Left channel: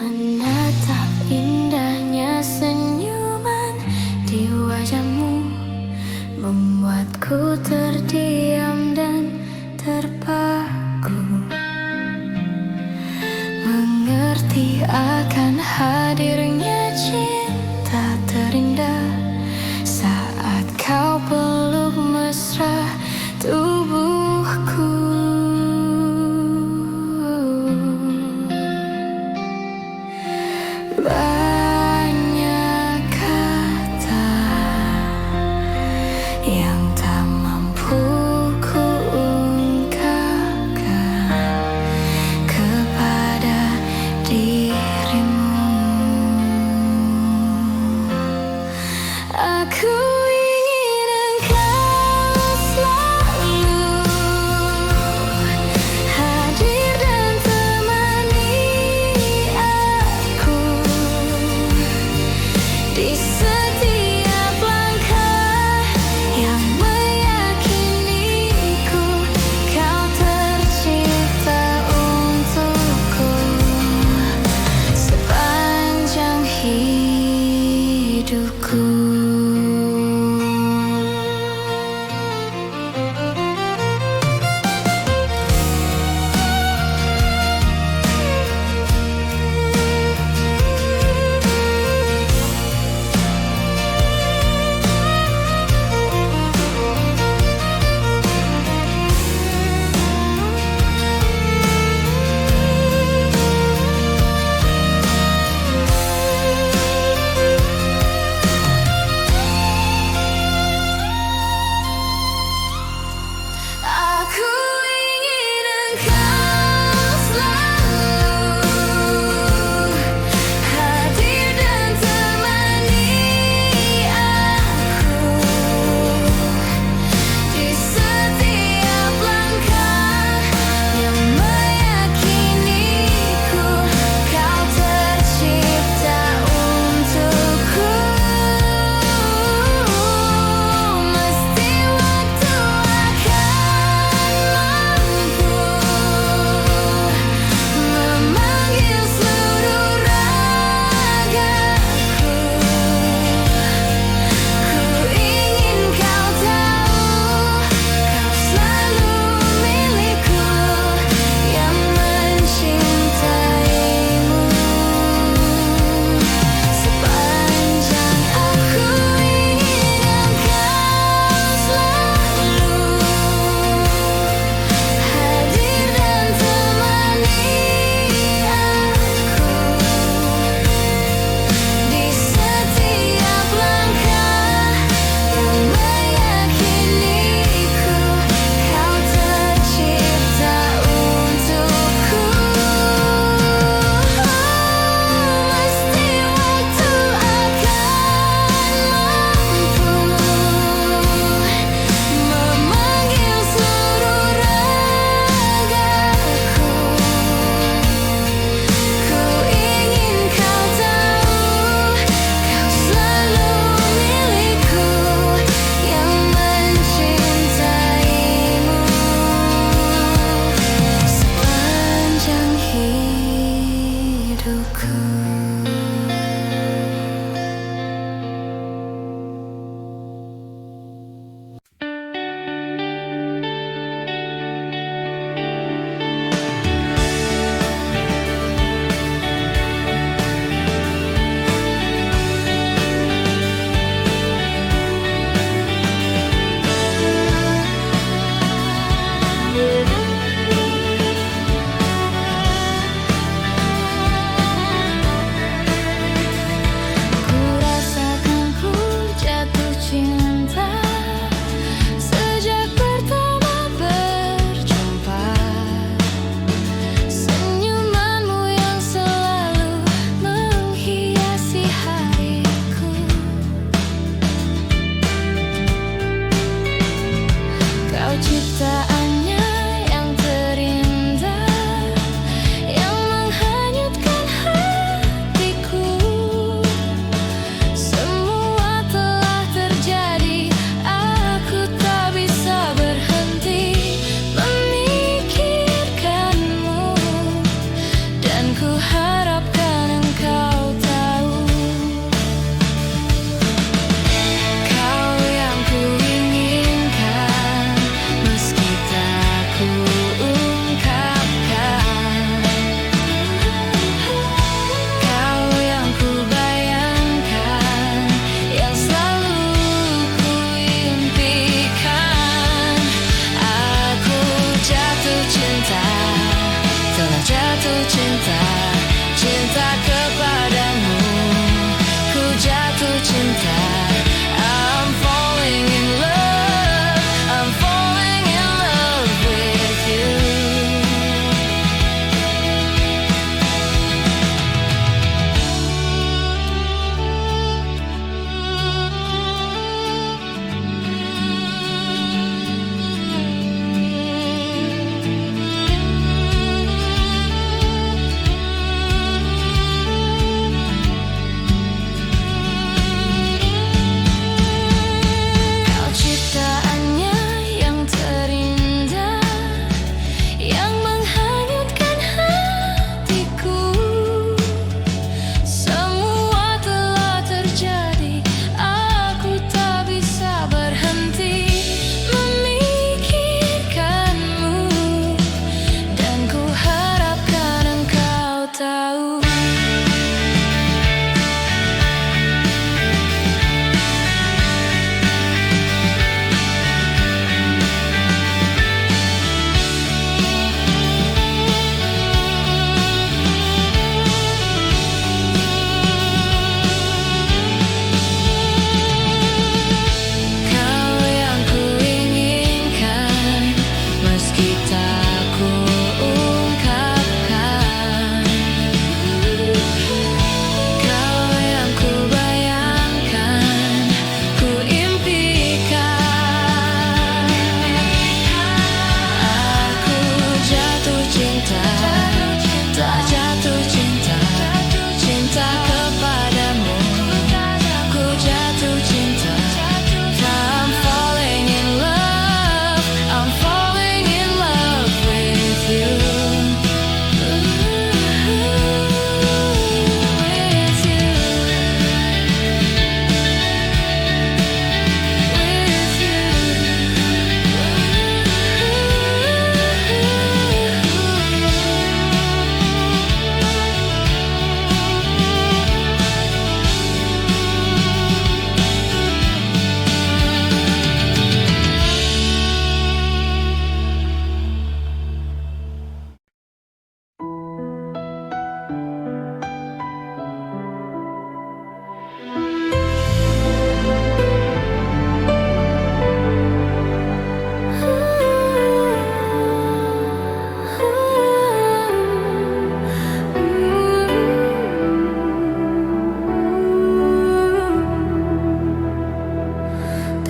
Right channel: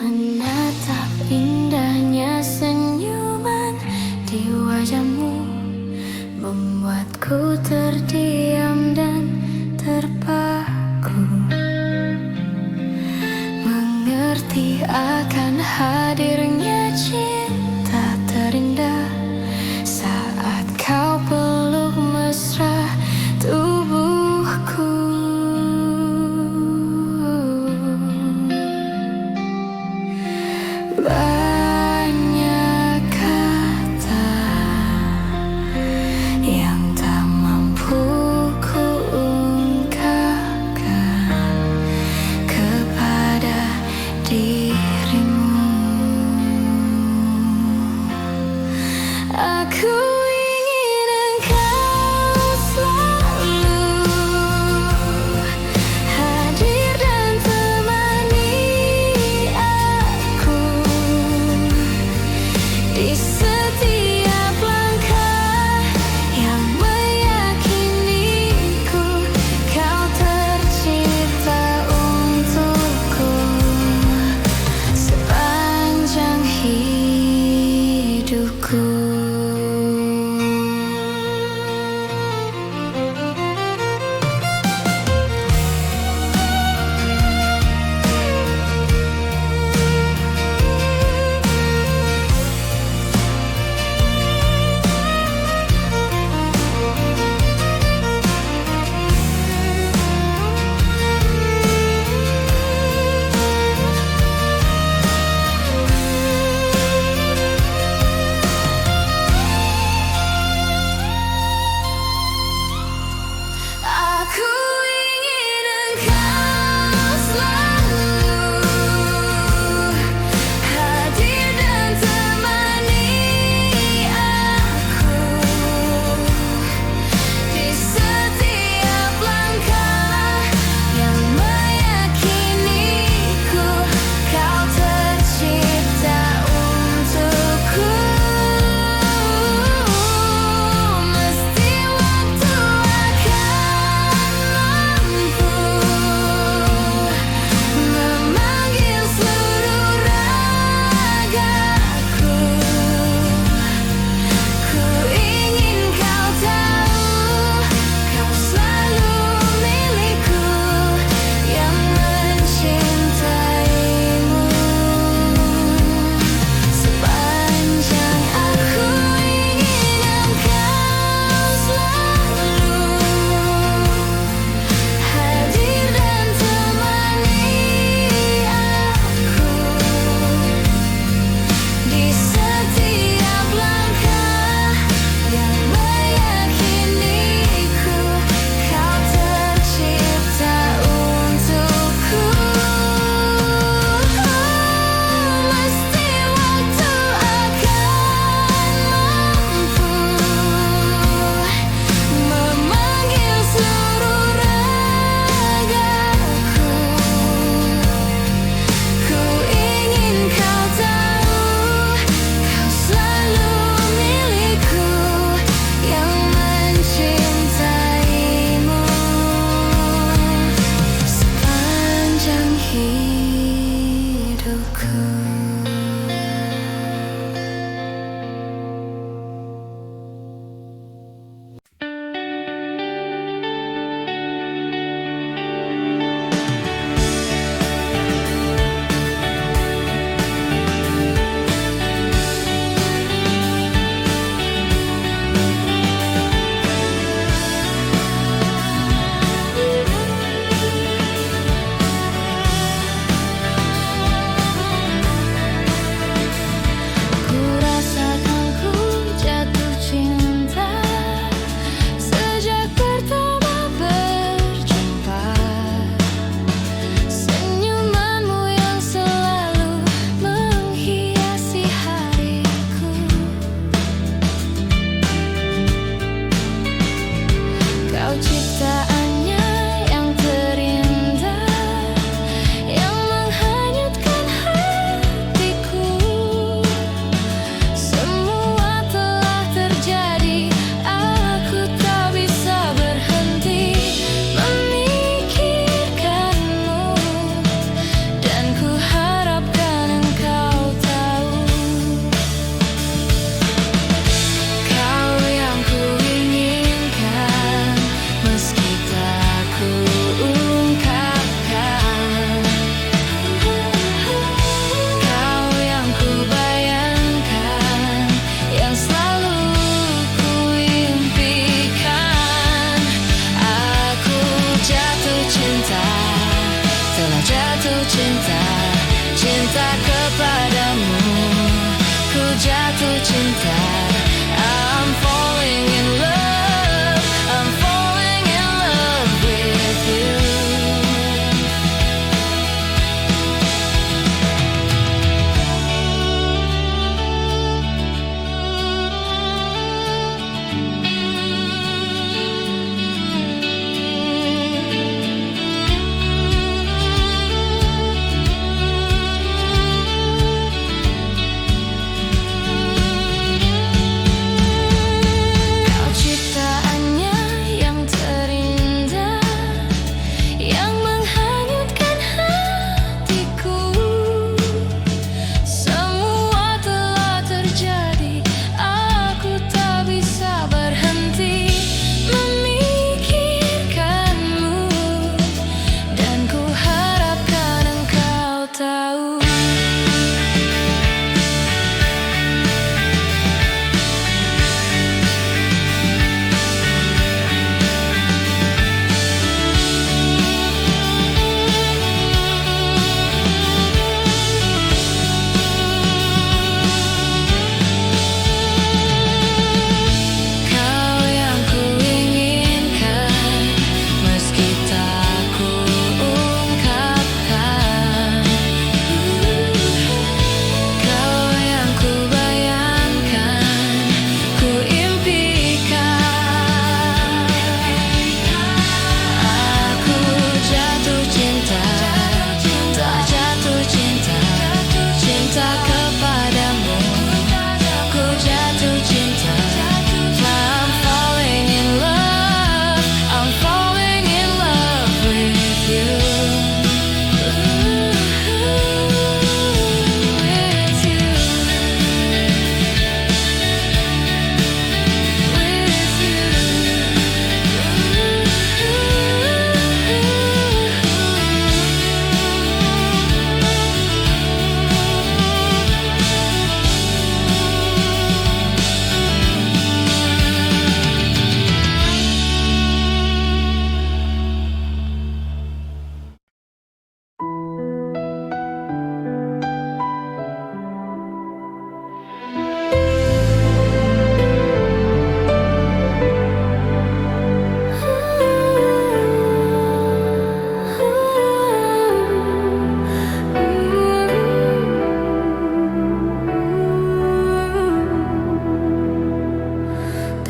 Menatap indahnya senyuman di wajahmu membuatku terdiam dan terpaku, mengerti akan hadirnya cinta terindah saat kau peluk mesra tubuhku. Banyak kata yang tak mampu ku ungkapkan kepada dirimu. Aku ingin engkau selalu hadir dan temani aku di setiap langkah yang meyakiniku kau tercipta untukku sepanjang hidupku. Aku ingin engkau selalu hadir dan temani aku di setiap langkah yang meyakiniku kau tercipta untukku. Mesti waktu akan mampu memanggil seluruh ragaku. Ku ingin kau tahu, kau selalu milikku yang mencintaimu sepanjang aku ingin engkau selalu hadir dan temani aku di setiap langkah yang meyakiniku kau tercipta untukku. Mesti waktu akan mampu memanggil seluruh ragaku. Ku ingin kau tahu, kau selalu milikku yang mencintaimu sepanjang hidupku. jatuh cinta, cinta kepadamu. Ku jatuh cinta. I'm falling in love, I'm falling in love with you.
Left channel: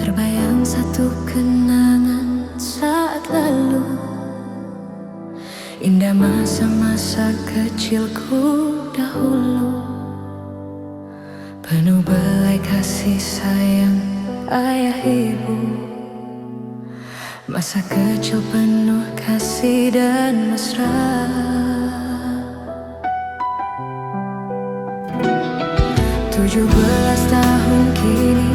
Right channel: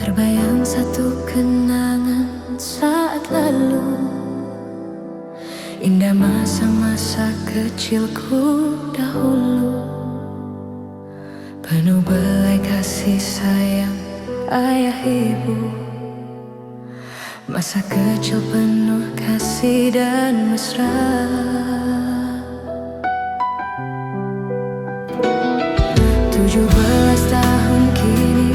Terbayang satu kenangan saat lalu, indah masa-masa kecilku dahulu, penuh belai kasih sayang ayah ibu. Masa kecil penuh kasih dan mesra. 17 tahun kini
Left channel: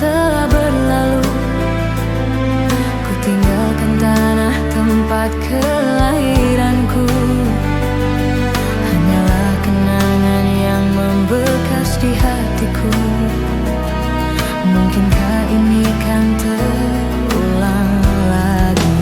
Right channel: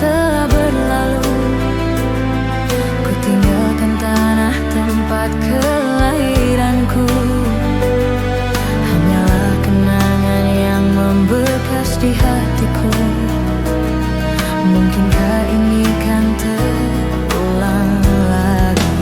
telah berlalu, ku tinggalkan tanah tempat kelahiranku. Hanyalah kenangan yang membekas di hatiku. Mungkinkah ini kan terulang lagi?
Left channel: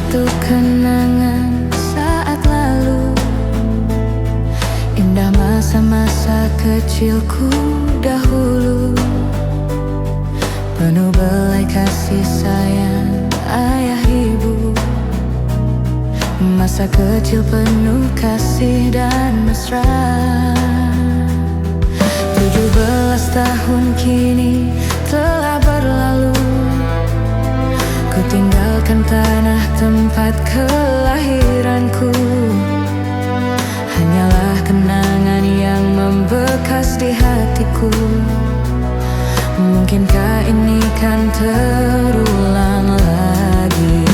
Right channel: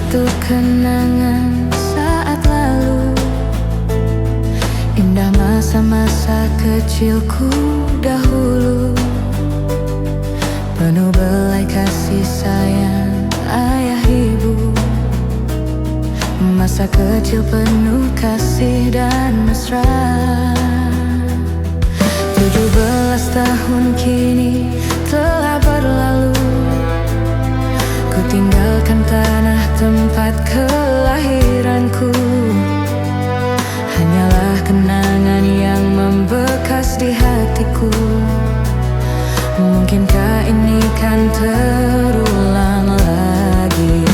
suatu kenangan saat lalu, indah masa-masa kecilku dahulu, penuh belai kasih sayang ayah ibu. Masa kecil penuh kasih dan mesra. 17 tahun kini telah berlalu, ku tinggalkan tanah tempat kelahiranku. Hanyalah kenangan yang membekas di hatiku. Mungkinkah ini kan terulang lagi?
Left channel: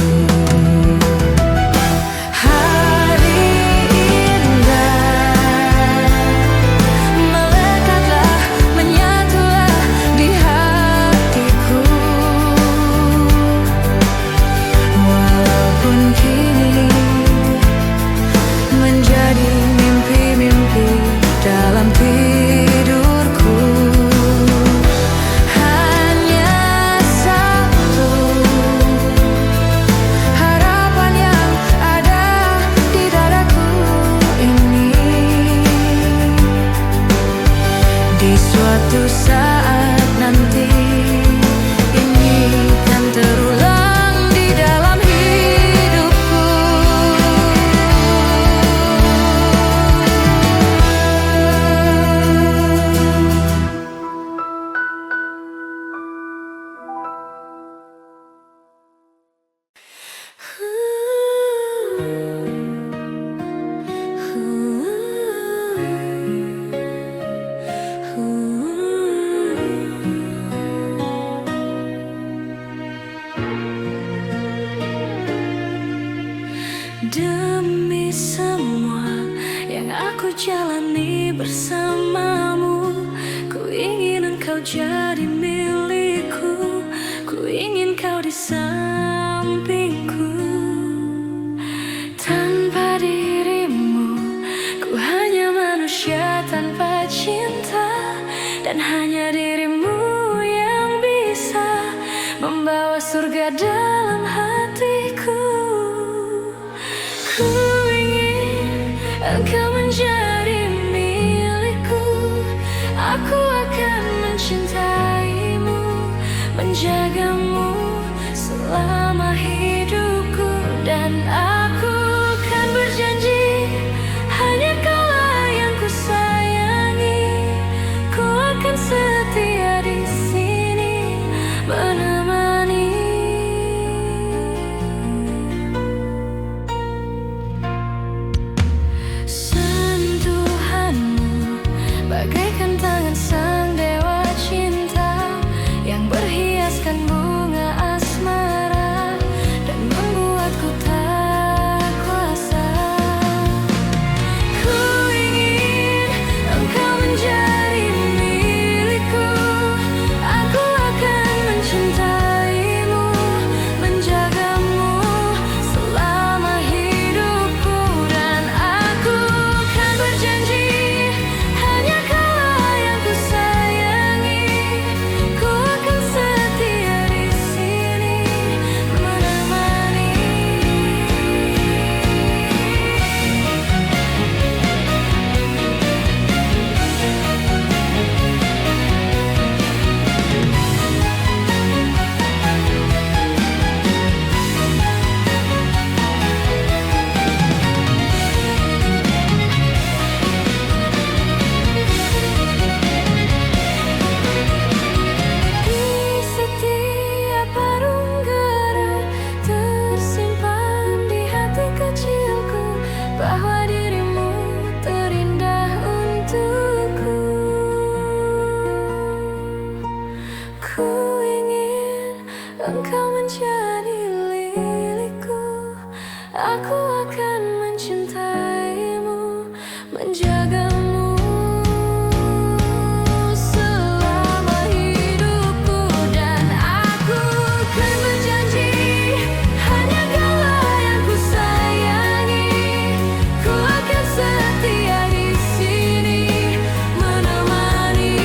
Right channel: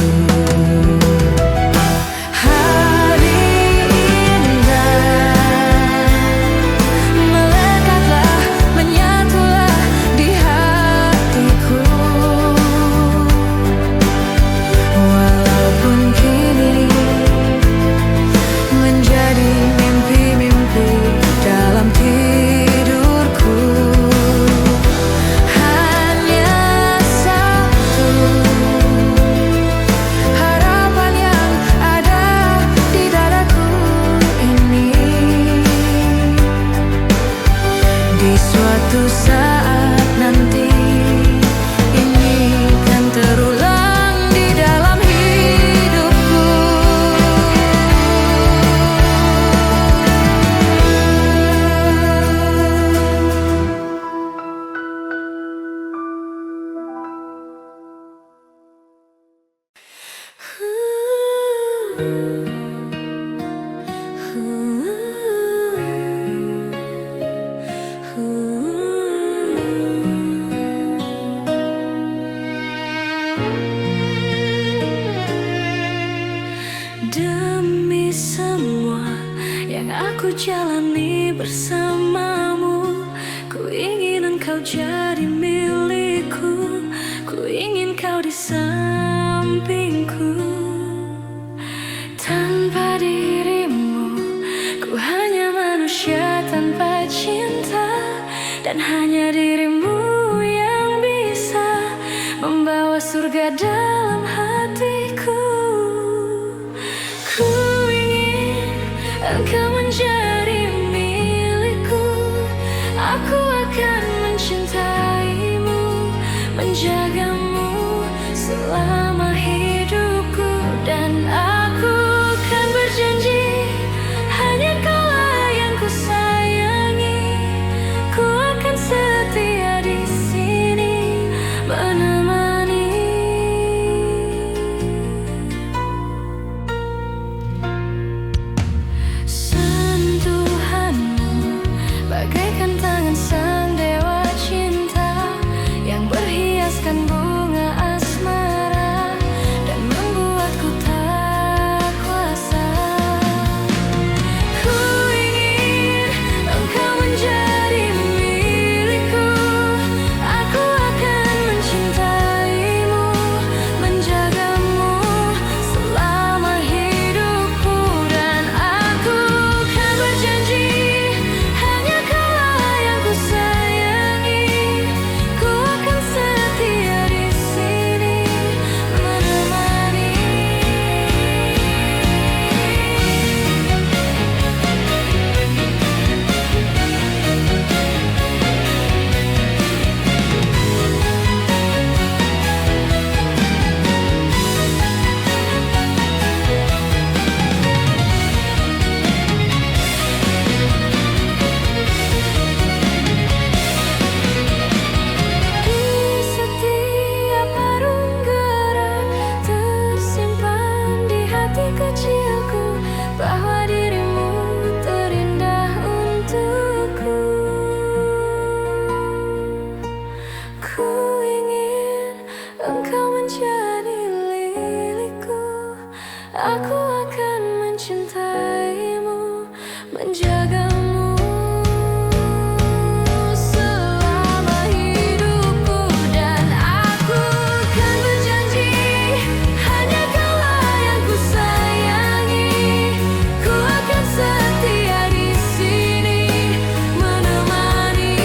Di suatu saat nanti ini kan terulang di dalam hidupku. Demi semua yang aku jalani bersamamu, ku ingin engkau jadi milikku, ku ingin kau di sampingku. Tanpa dirimu, ku hanya manusia tanpa cinta, dan hanya dirimu yang bisa membawa surga dalam hatiku. Ku ingin engkau menjadi milikku, aku akan mencintaimu, menjagamu selama hidupku. Dan aku kan berjanji, hanya kaulah yang ku sayangi, ku akan setia di sini menemani. Bagaikan tangan sang dewa cinta yang berhiaskan bunga asmara dan membuatku tak kuasa. Ku ingin engkau menjadi milikku, aku akan mencintaimu, menjagamu selama hidupku. Dan aku kan berjanji, bahwa dirimu terindah untukku. Ku ingin engkau menjadi milikku, aku akan mencintaimu, menjagamu selama hidupku. Dan aku kan berjanji, hanya kaulah yang ku sayangi, ku akan setia di sini menemani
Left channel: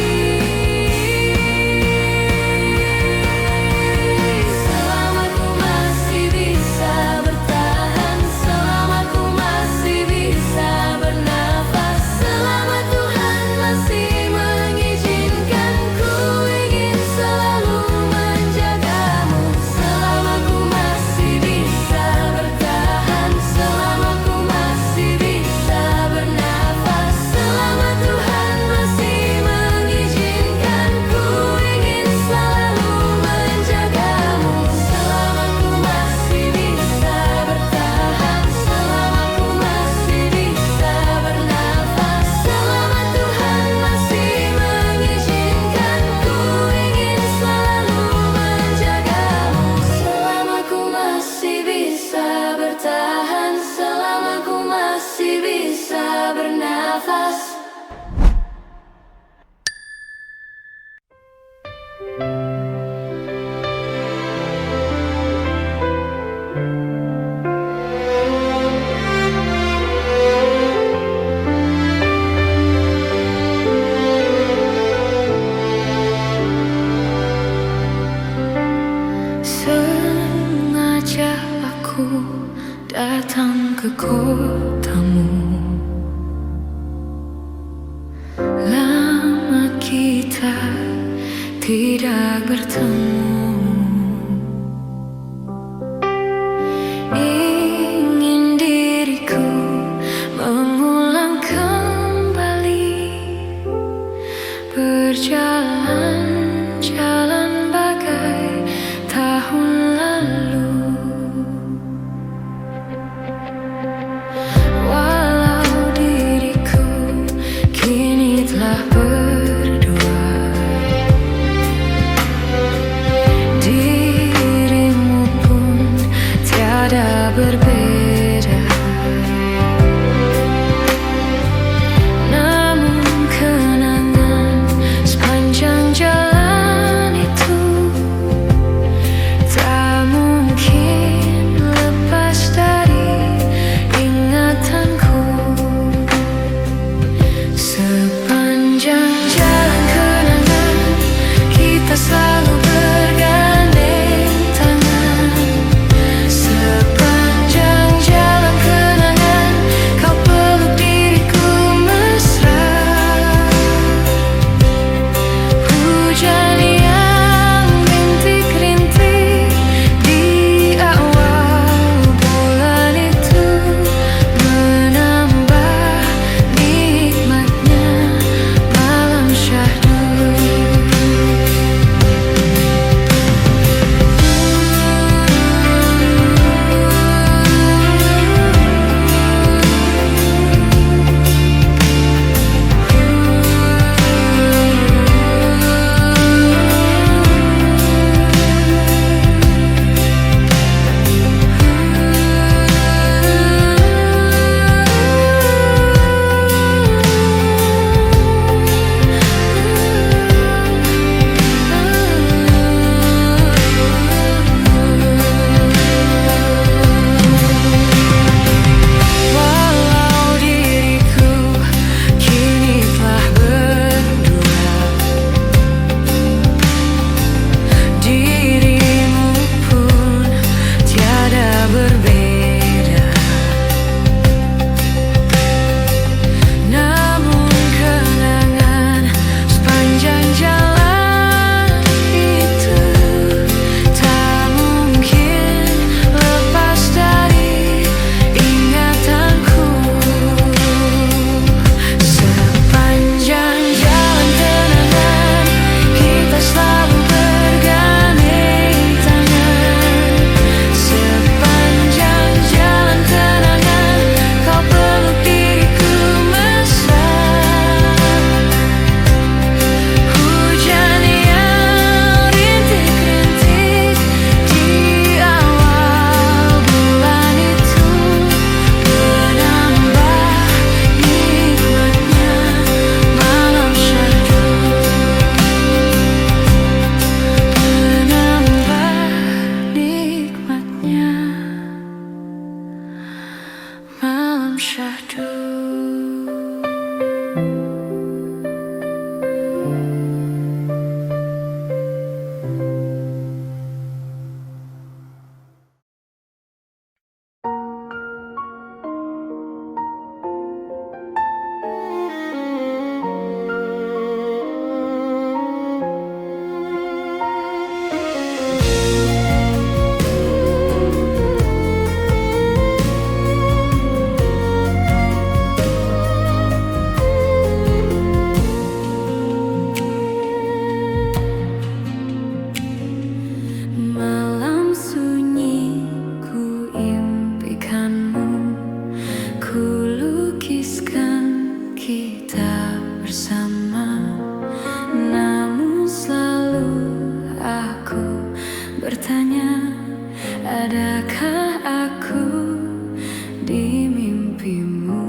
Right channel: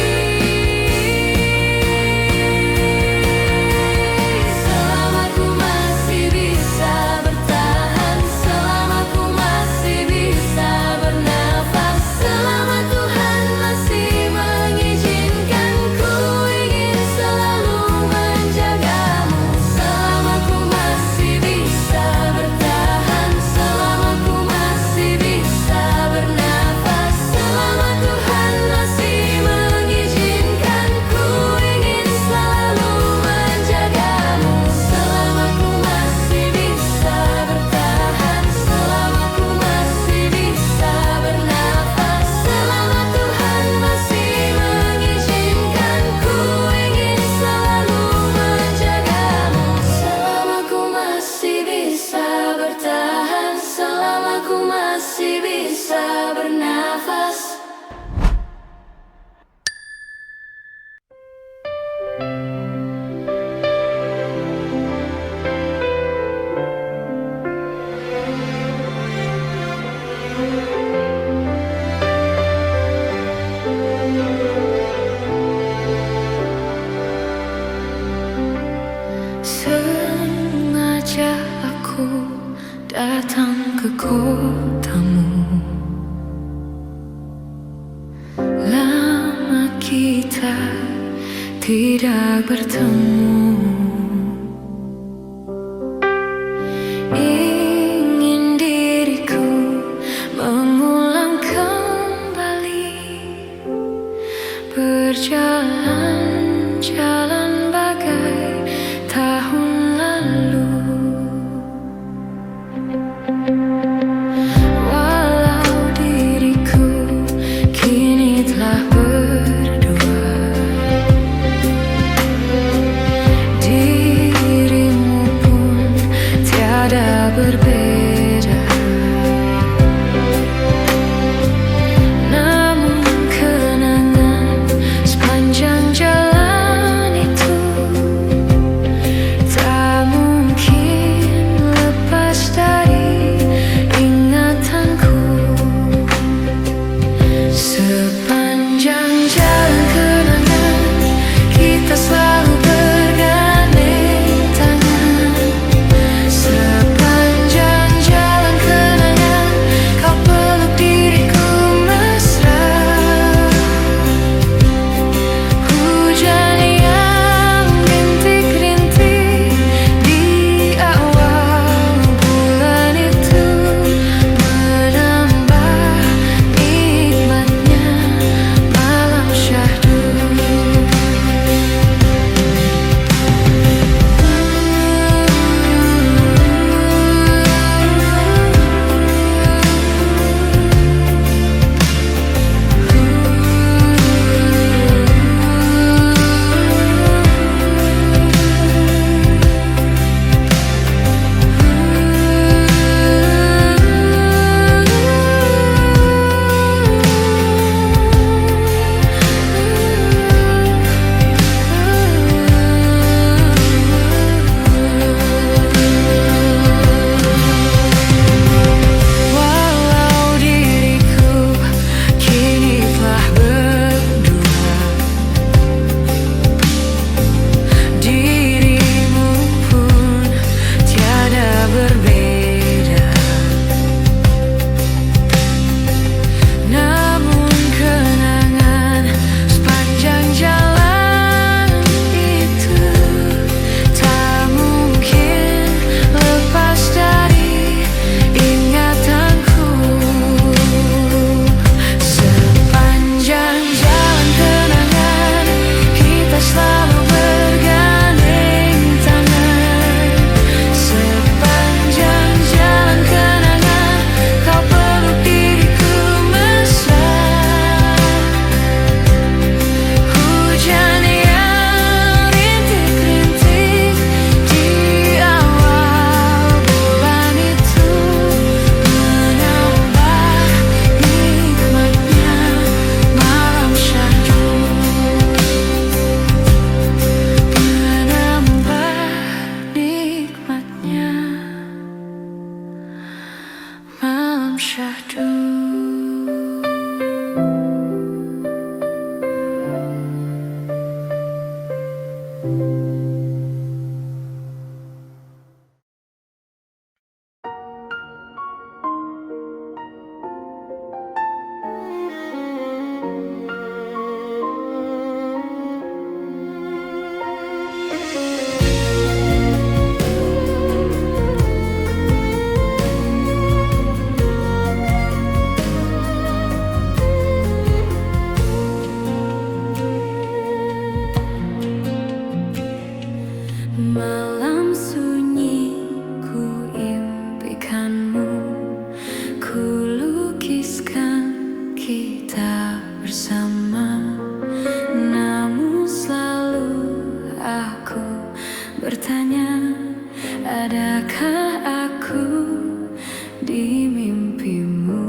selama ku masih bisa bertahan. Sengaja aku datang ke kotamu. Lama kita tidak bertemu. Ingin diriku mengulang kembali berjalan-jalan bagai tahun lalu. Walau diriku kini telah berdua, dirimu pun tiada berbeda. Namun kenangan sepanjang jalan itu tak mungkin lepas dari ingatanku. Sepanjang jalan kenangan kita selalu bergandeng tangan. Sepanjang jalan kenangan kau peluk diriku mesra. Hujan yang rintik-rintik di awal bulan itu menambah nikmatnya malam syahdu. Walau diriku kini telah berdua, dirimu pun tiada berbeda. Namun kenangan sepanjang jalan itu tak mungkin lepas dari ingatanku. Sepanjang jalan kenangan kita selalu bergandeng tangan. Sepanjang jalan kenangan kau peluk diriku mesra. Hujan yang rintik-rintik di awal bulan itu menambah nikmatnya malam syahdu. Menambah nikmatnya malam syahdu. Malam sunyi ku impikanmu, ku lukiskan kita bersama. Namun selalu aku bertanya, adakah aku di mimpimu?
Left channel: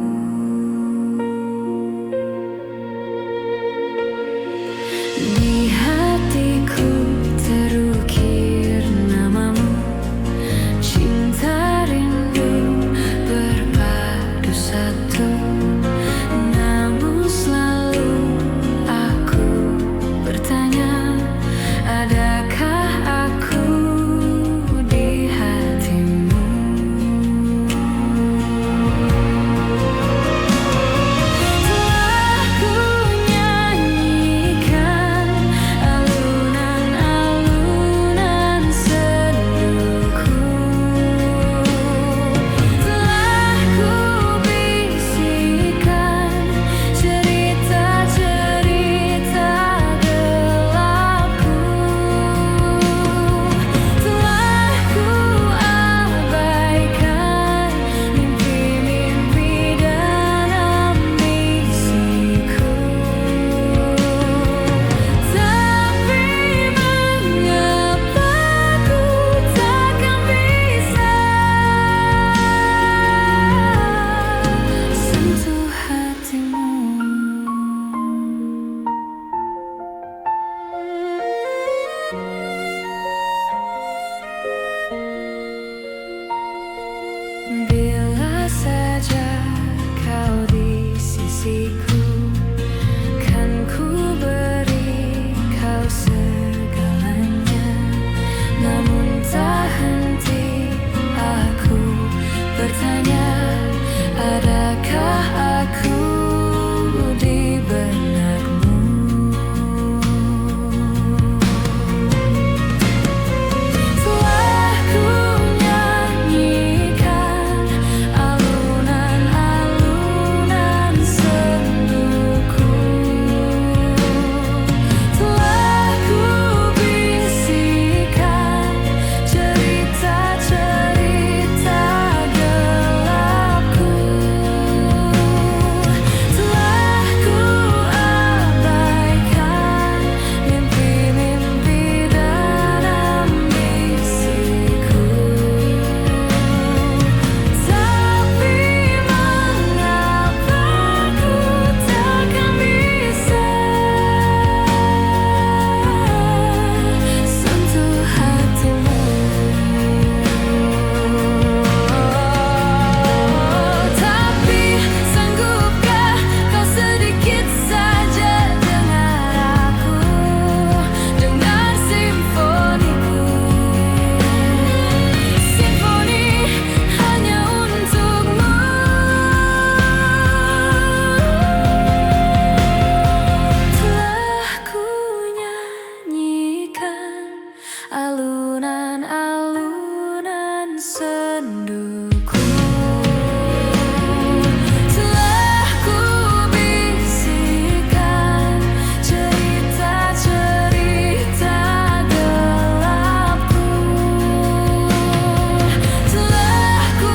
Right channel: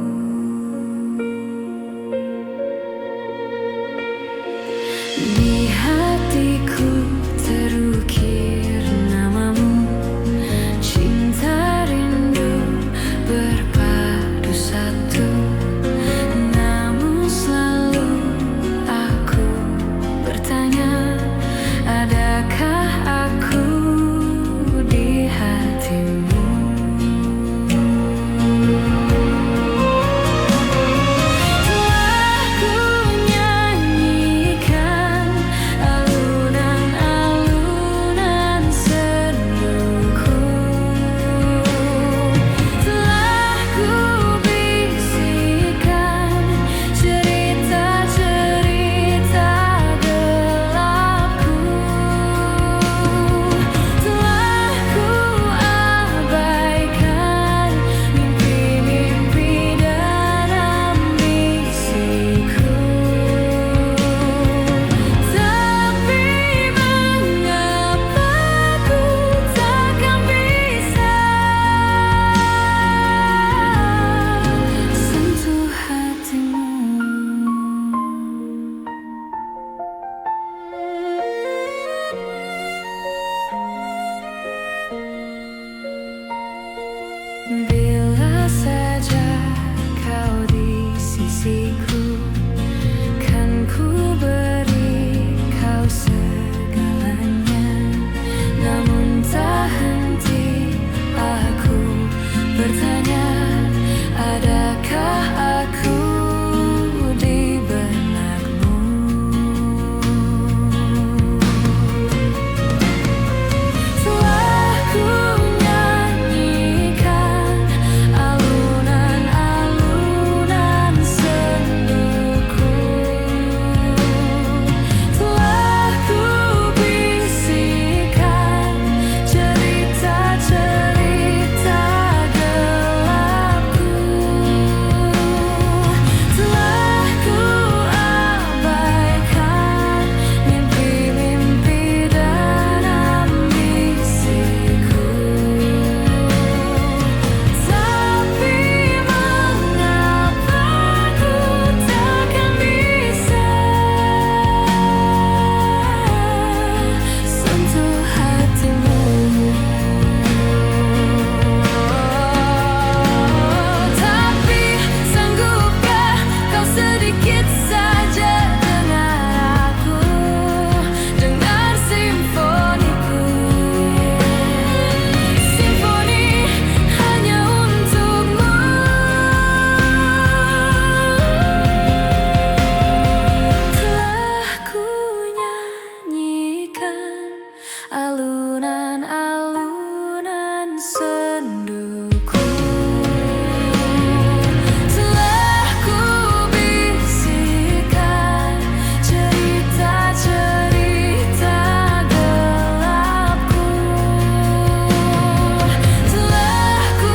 Di hatiku terukir namamu, cinta rindu berpadu satu. Namun selalu aku bertanya, adakah aku bertanya, adakah aku di benakmu? Telah ku nyanyikan alunan-alunan senduku, telah ku bisikan cerita-cerita gelapku, telah ku abaikan mimpi-mimpi dan ambisiku. Tapi mengapa ku takkan bisa sentuh hatimu? Tapi sanggupkah kau sedikit saja dengar aku, dengar simfoniku, simfoni hanya untukmu. Telah ku nyanyikan alunan-alunan senduku, telah ku bisikan cerita-cerita gelapku, telah ku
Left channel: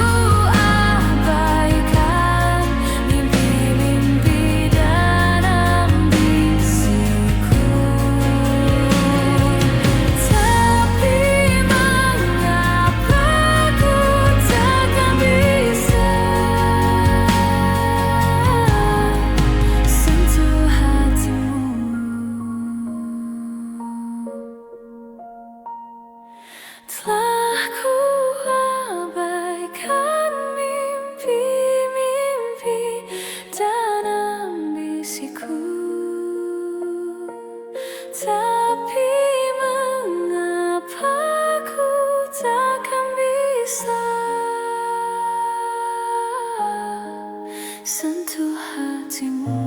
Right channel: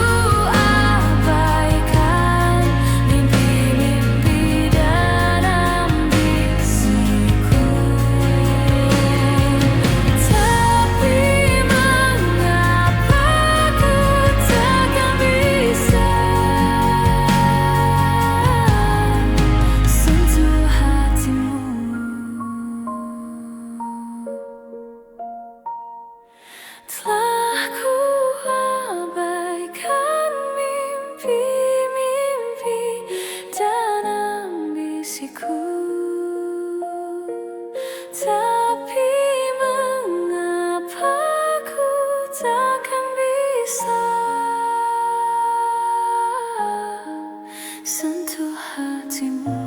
abaikan mimpi-mimpi dan ambisiku. Tapi mengapa ku takkan bisa sentuh hatimu? Telah ku abaikan mimpi-mimpi dan ambisiku. Tapi mengapa ku takkan bisa sentuh hatimu?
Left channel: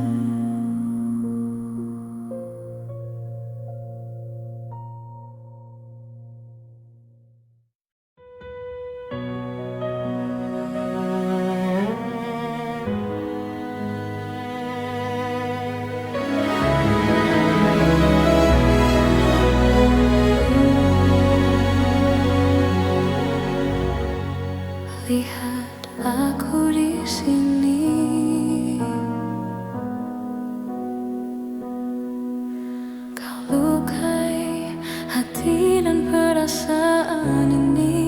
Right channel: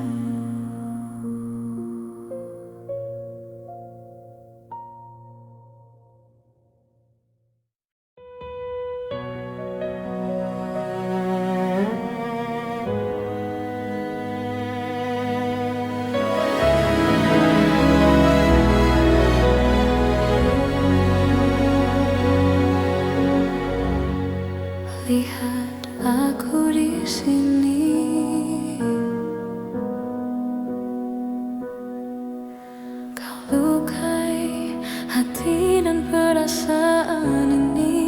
Lihat aku di sini, kau lukai hati dan perasaan ini.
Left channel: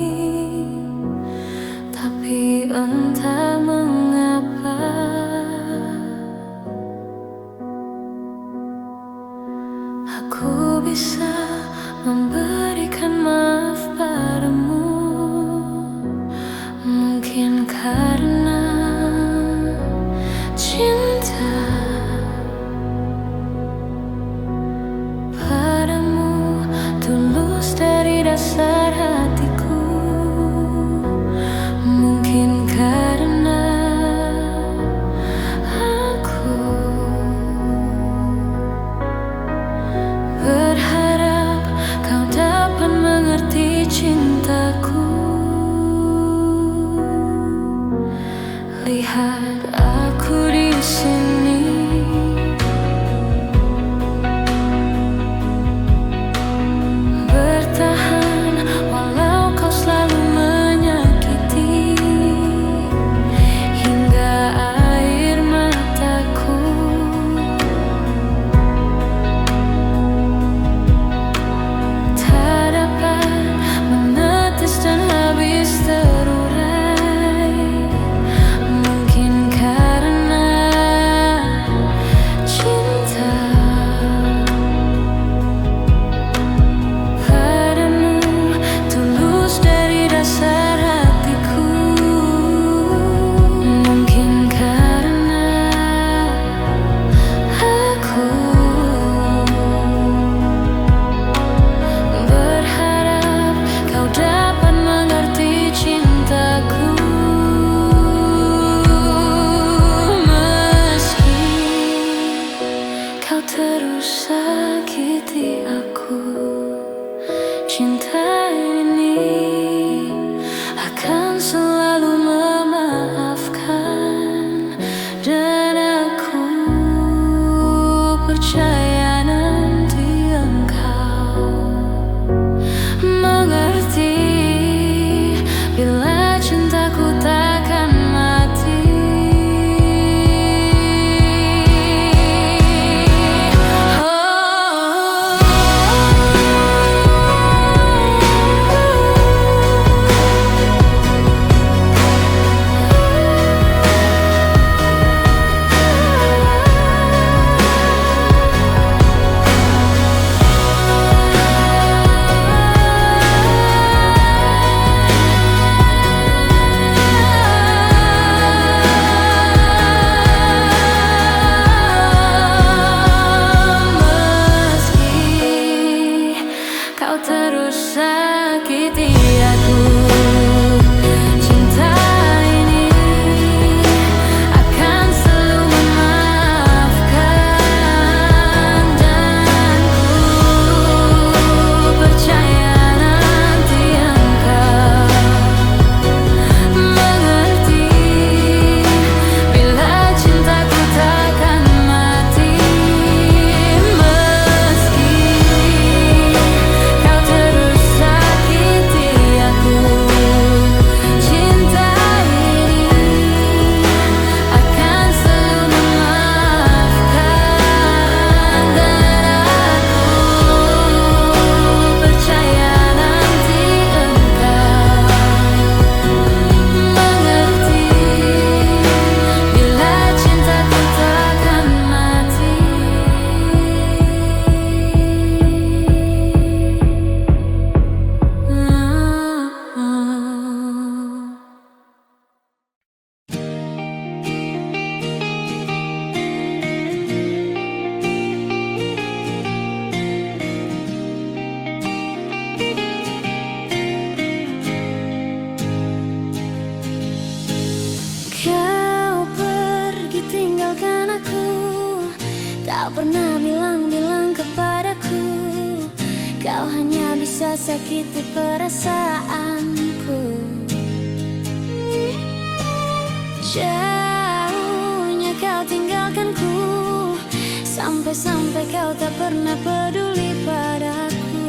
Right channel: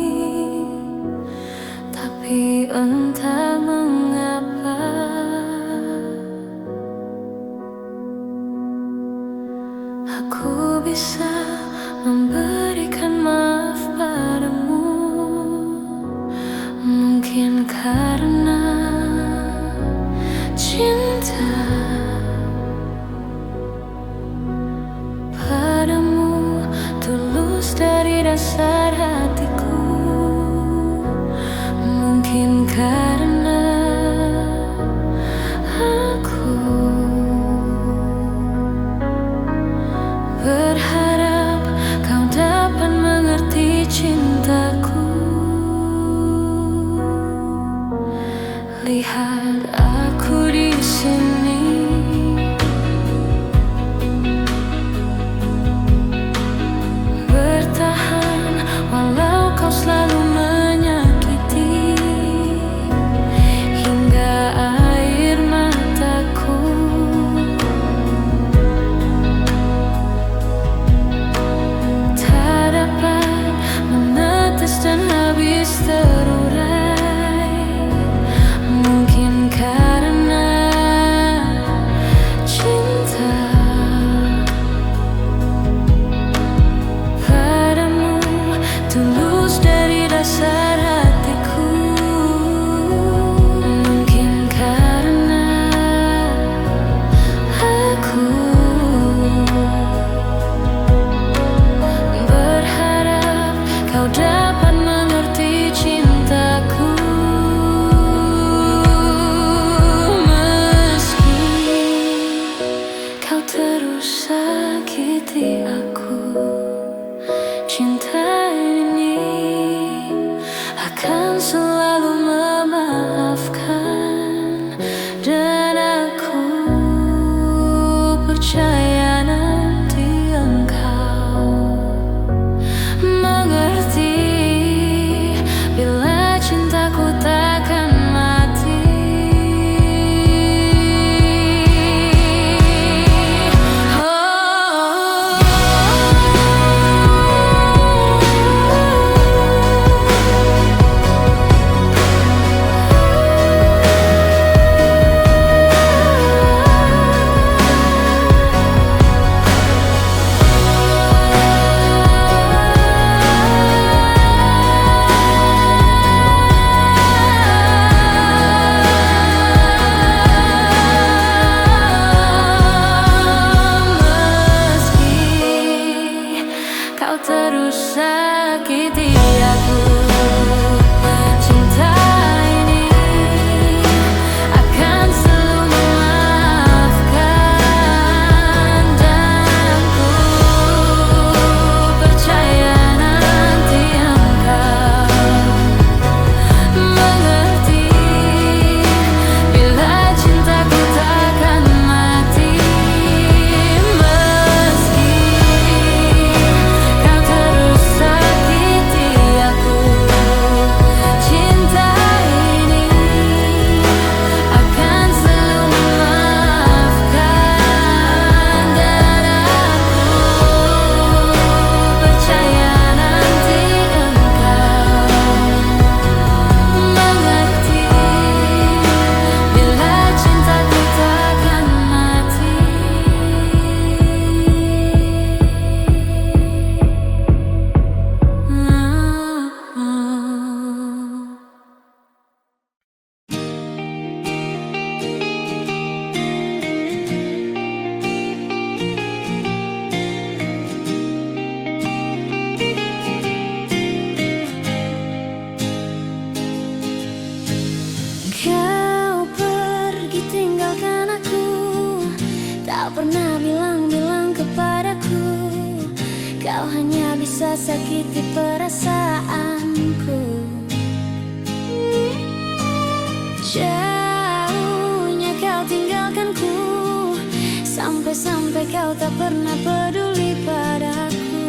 Tapi entah mengapa aku bisa memberikan maaf padamu. Mungkin karena cinta padamu tulus dari dasar hatiku. Mungkin karena aku berharap kau dapat mengerti cintaku. Lihat aku di sini, bertahan walau kau selalu menyakiti, hingga air mataku tak dapat menetes dan habis terurai. Mungkin karena cinta padamu tulus dari dasar hatiku. Mungkin karena aku berharap kau dapat mengerti cintaku. cinta ini akan selalu memaafkan, dan aku percaya nanti engkau mengerti bila cintaku takkan mati. Kau terus sakiti aku, cinta ini akan selalu memaafkan, dan ku percaya nanti engkau mengerti bila cintaku takkan mati. Kau pergi tinggalkan aku, tak pernah bilang-bilang kepadaku. Kau hanya bisa sakiti perasaanku. Jauhnya kau tinggalkanku, sampai-sampai kau tak pernah peduli padaku.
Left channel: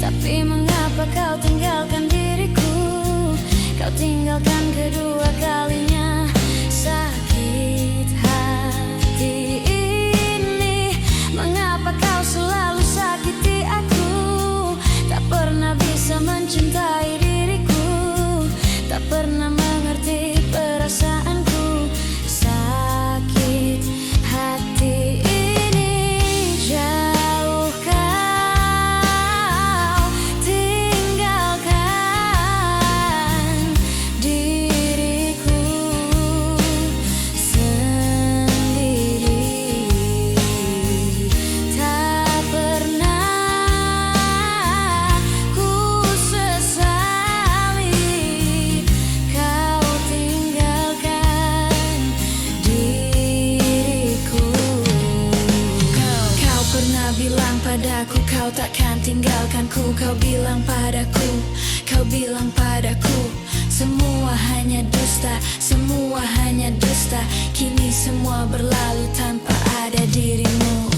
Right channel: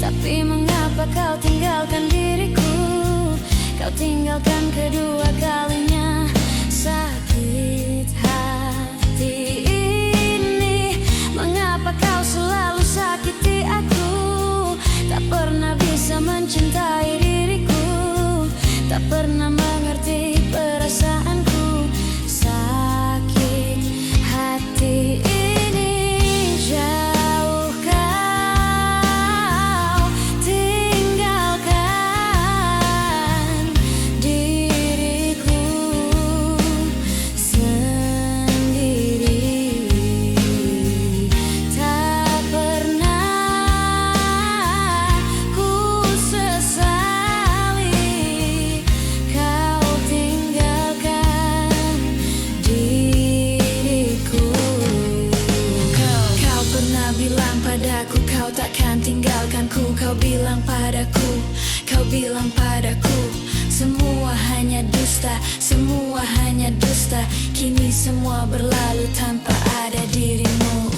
Tapi mengapa kau tinggalkan diriku? Kau tinggalkan kedua kalinya. Sakit hati ini, mengapa kau selalu sakiti aku? Tak pernah bisa mencintai diriku, tak pernah mengerti perasaanku. Sakit hati ini, jauh kau tinggalkan diriku sendiri. Tak pernah ku sesali kau tinggalkan diriku. Kau pernah bilang padaku kau takkan tinggalkanku. Kau bilang padaku semua hanya dusta, semua hanya dusta. Kini semua berlalu tanpa ada dirimu.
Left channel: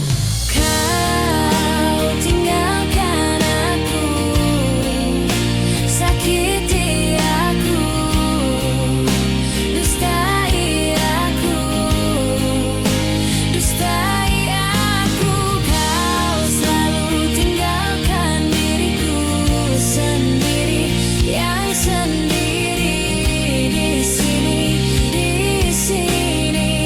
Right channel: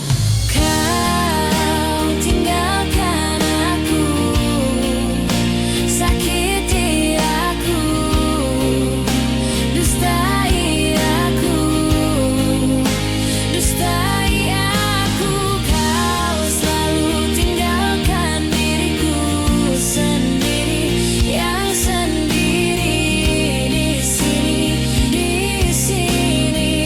Kau tinggalkan aku, sakiti aku, dustai aku, dustai aku. Kau selalu tinggalkan diriku sendiri, yang sendiri di sini sendiri.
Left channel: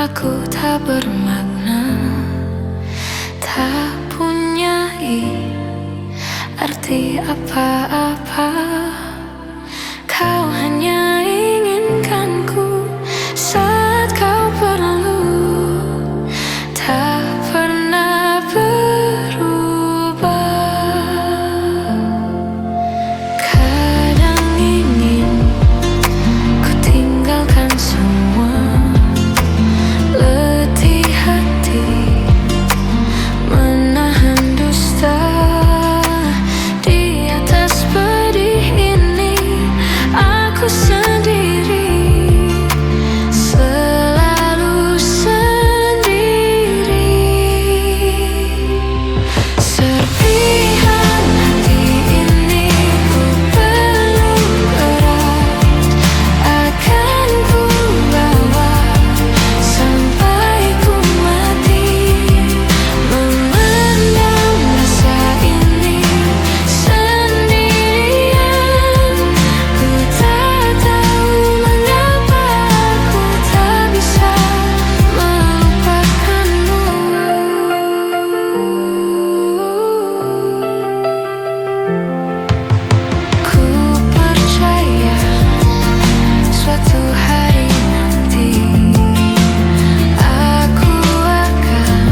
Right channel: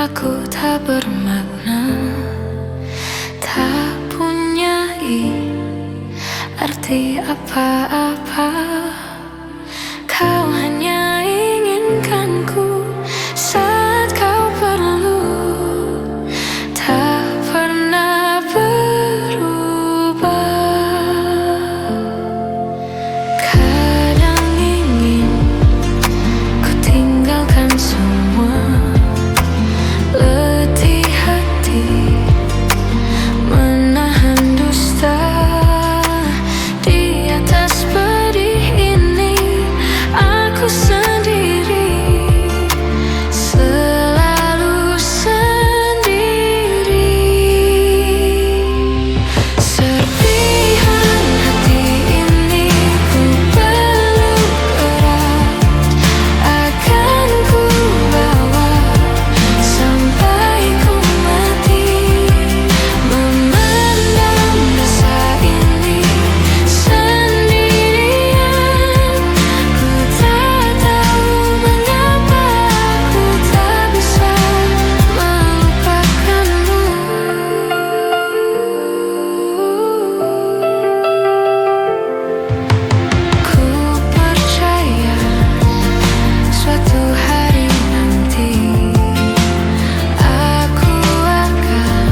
Aku tak bermakna, tak punyai arti apa-apa. Kau hanya inginkanku saat kau perlu, tak pernah berubah. Kadang ingin ku tinggalkan semua, letih hati menahan dusta. Di atas pedih ini aku sendiri, selalu sendiri. Serpihan hati ini ku peluk erat, akan ku bawa sampai ku mati. Memendam rasa ini sendirian, ku tak tahu mengapa ku tak bisa melupakanmu. Ku percaya suatu hari nanti aku akan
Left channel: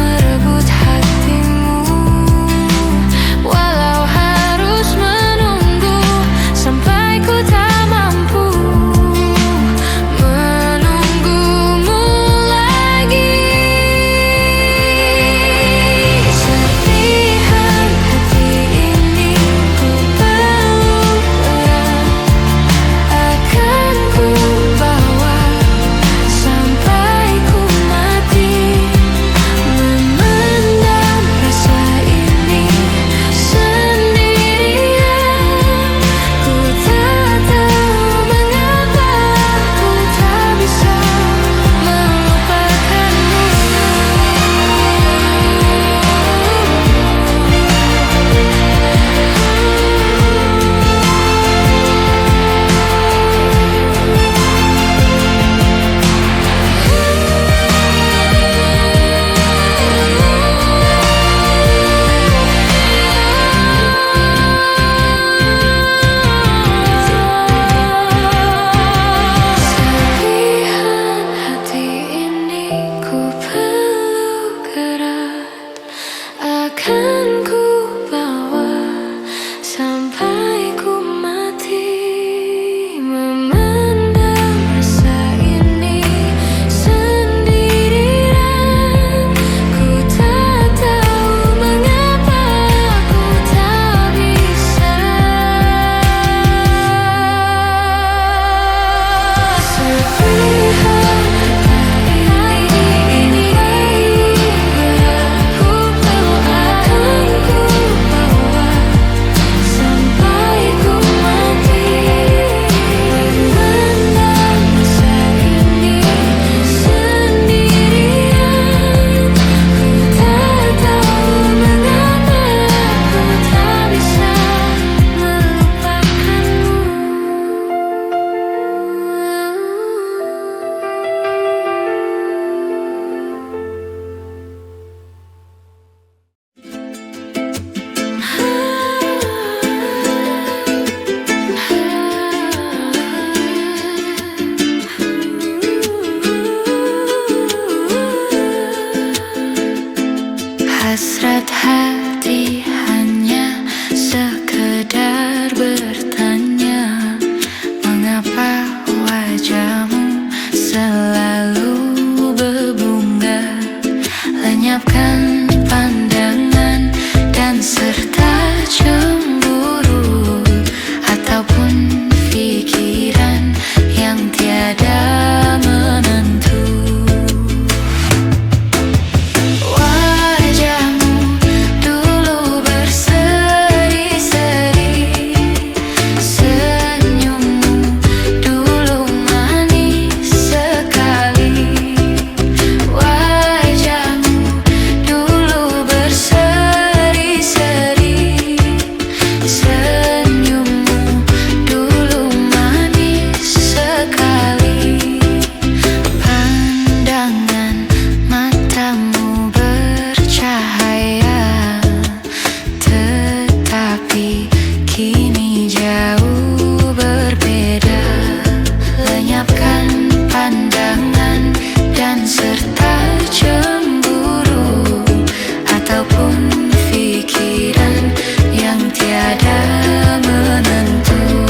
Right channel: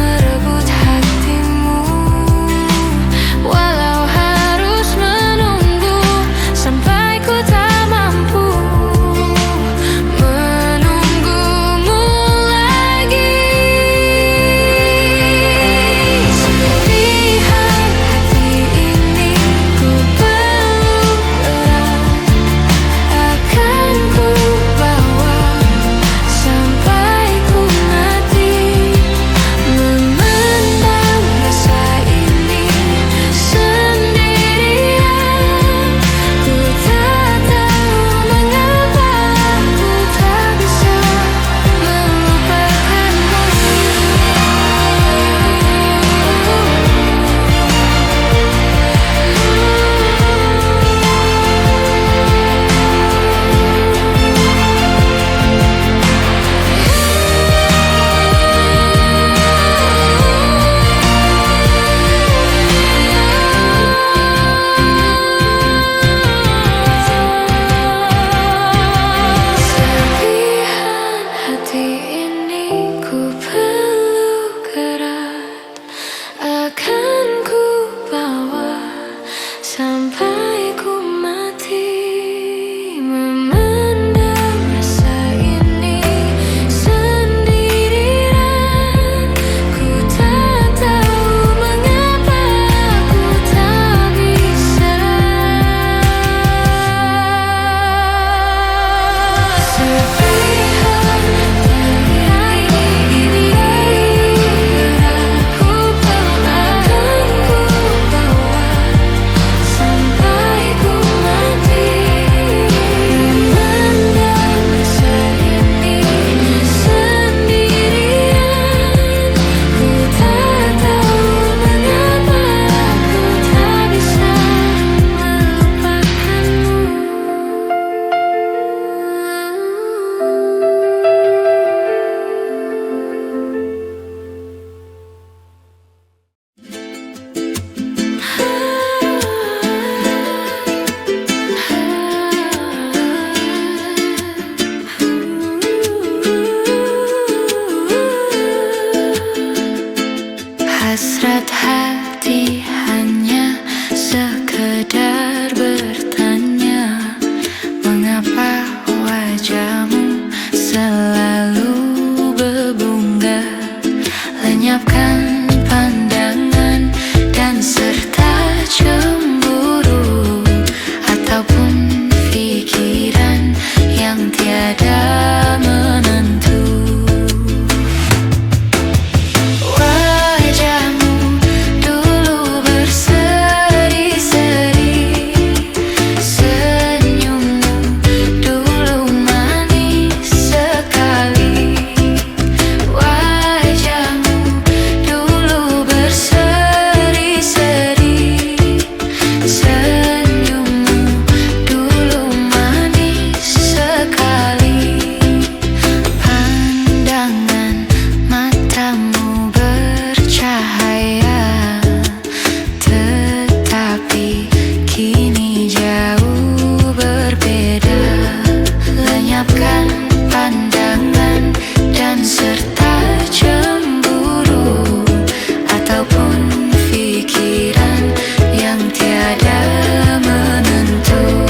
merebut hatimu, walau harus menunggu sampai ku tak mampu menunggumu lagi. Serpihan hati ini ku peluk erat, akan ku bawa sampai ku mati. Memendam rasa ini sendirian, ku tak tahu mengapa ku tak bisa melupakanmu. Serpihan hati ini ku peluk erat, akan ku bawa sampai ku mati. Memendam rasa ini sendirian, ku tak tahu mengapa ku tak bisa. Serpihan hati ini ku peluk, akan ku bawa sampai ku mati. Memendam rasa ini sendirian, ku tak tahu mengapa ku tak bisa melupakanmu. Hasrat hati hanya sekedar bertanya, mengapa wajahmu selalu berbunga? Lenyapkan pandangan dan serta cemburu, ataupun pikiran yang tiada menentu. Wajahmu dulu berseri-seri, senyummu dulu manis sekali. pandangan dan serta cemburu ataupun pikiran yang tiada menentu.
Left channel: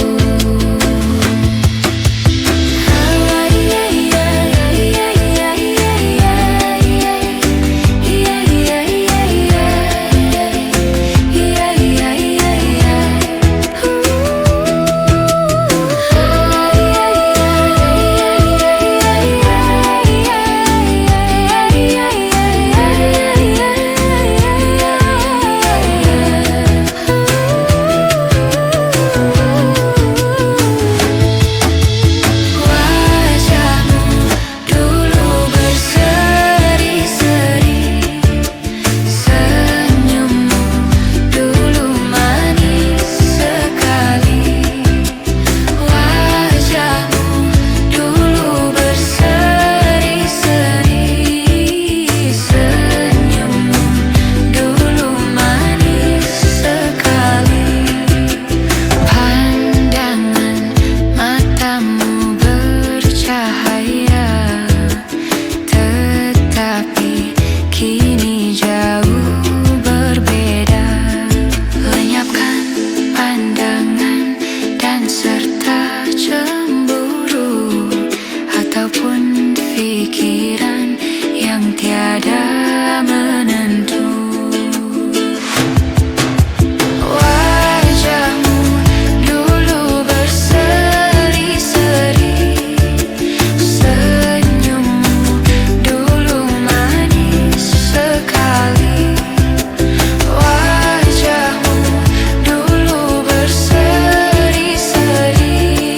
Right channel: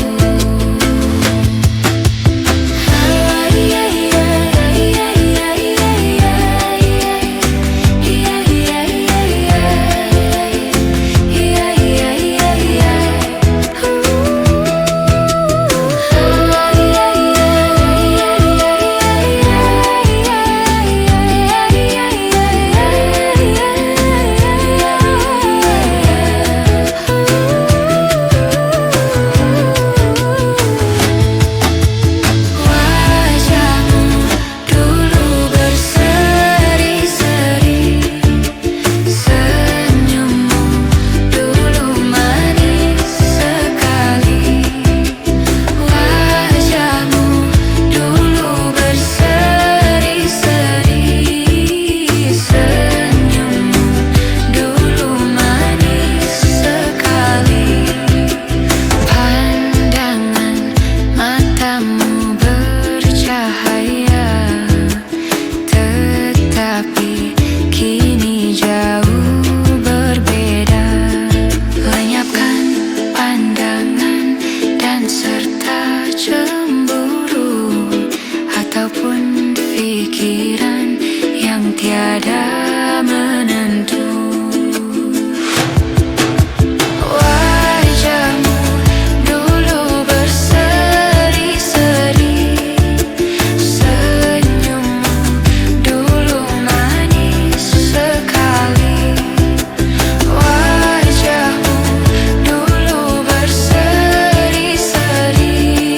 Serta cemburu ataupun pikiran yang tiada menentu. Wajahmu dulu berseri-seri, senyummu dulu manis sekali. Wajahmu dulu berseri, senyummu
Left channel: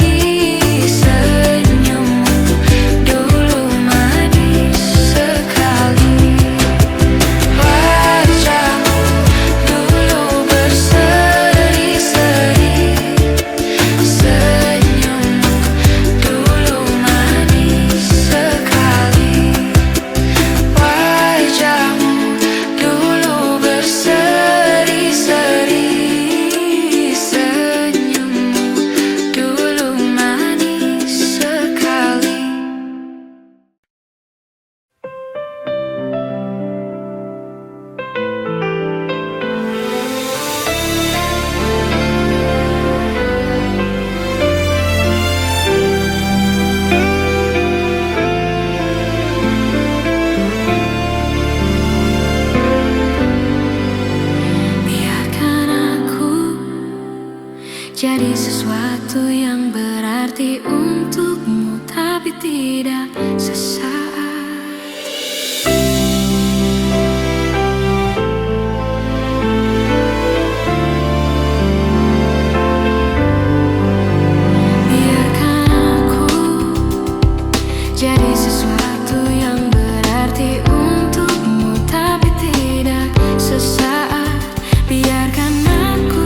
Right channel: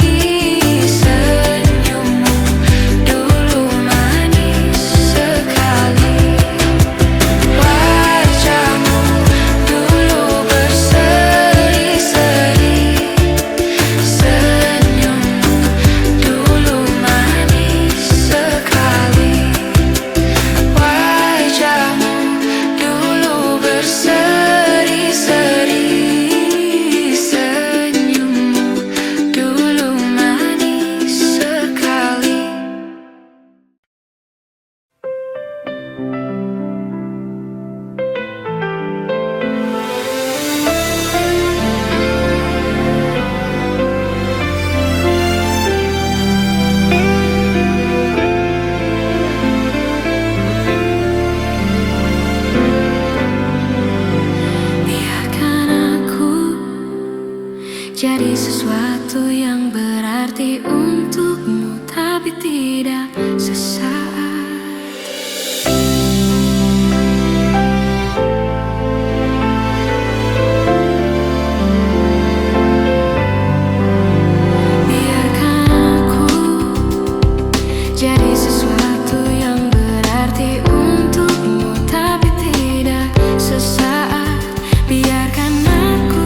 dulu manis sekali. Wajahmu dulu berseri-seri, senyummu dulu manis sekali. Wajahmu dulu berseri-seri, senyummu dulu manis sekali. Biarkan aku jadi sesuatu yang berarti untukmu, tapi tidak sesaat. Biarkan aku jadi sesuatu yang berarti untukmu, tapi tidak sesaat. Biarkan aku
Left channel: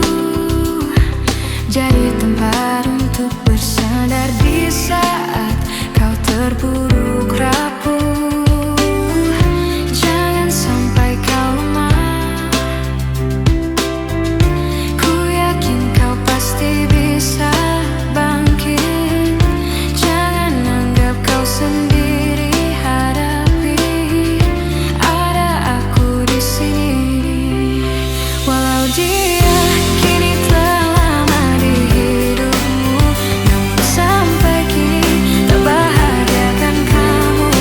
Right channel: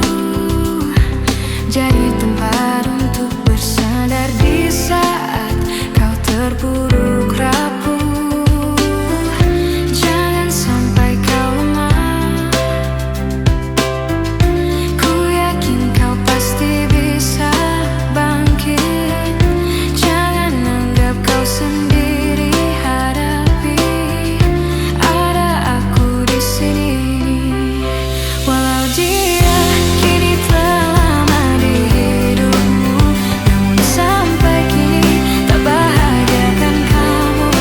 jadi tempat untuk bersandar di saat kau terpuruk rapuh. Jangan sampai kau lemah, ku yakin kau pasti bisa bangkit. Jangan anggap kau sendiri, hadapi, ada aku di sini. Walau dia kini telah lama di hidupmu, namun sampai kini tak bahagiakan kamu.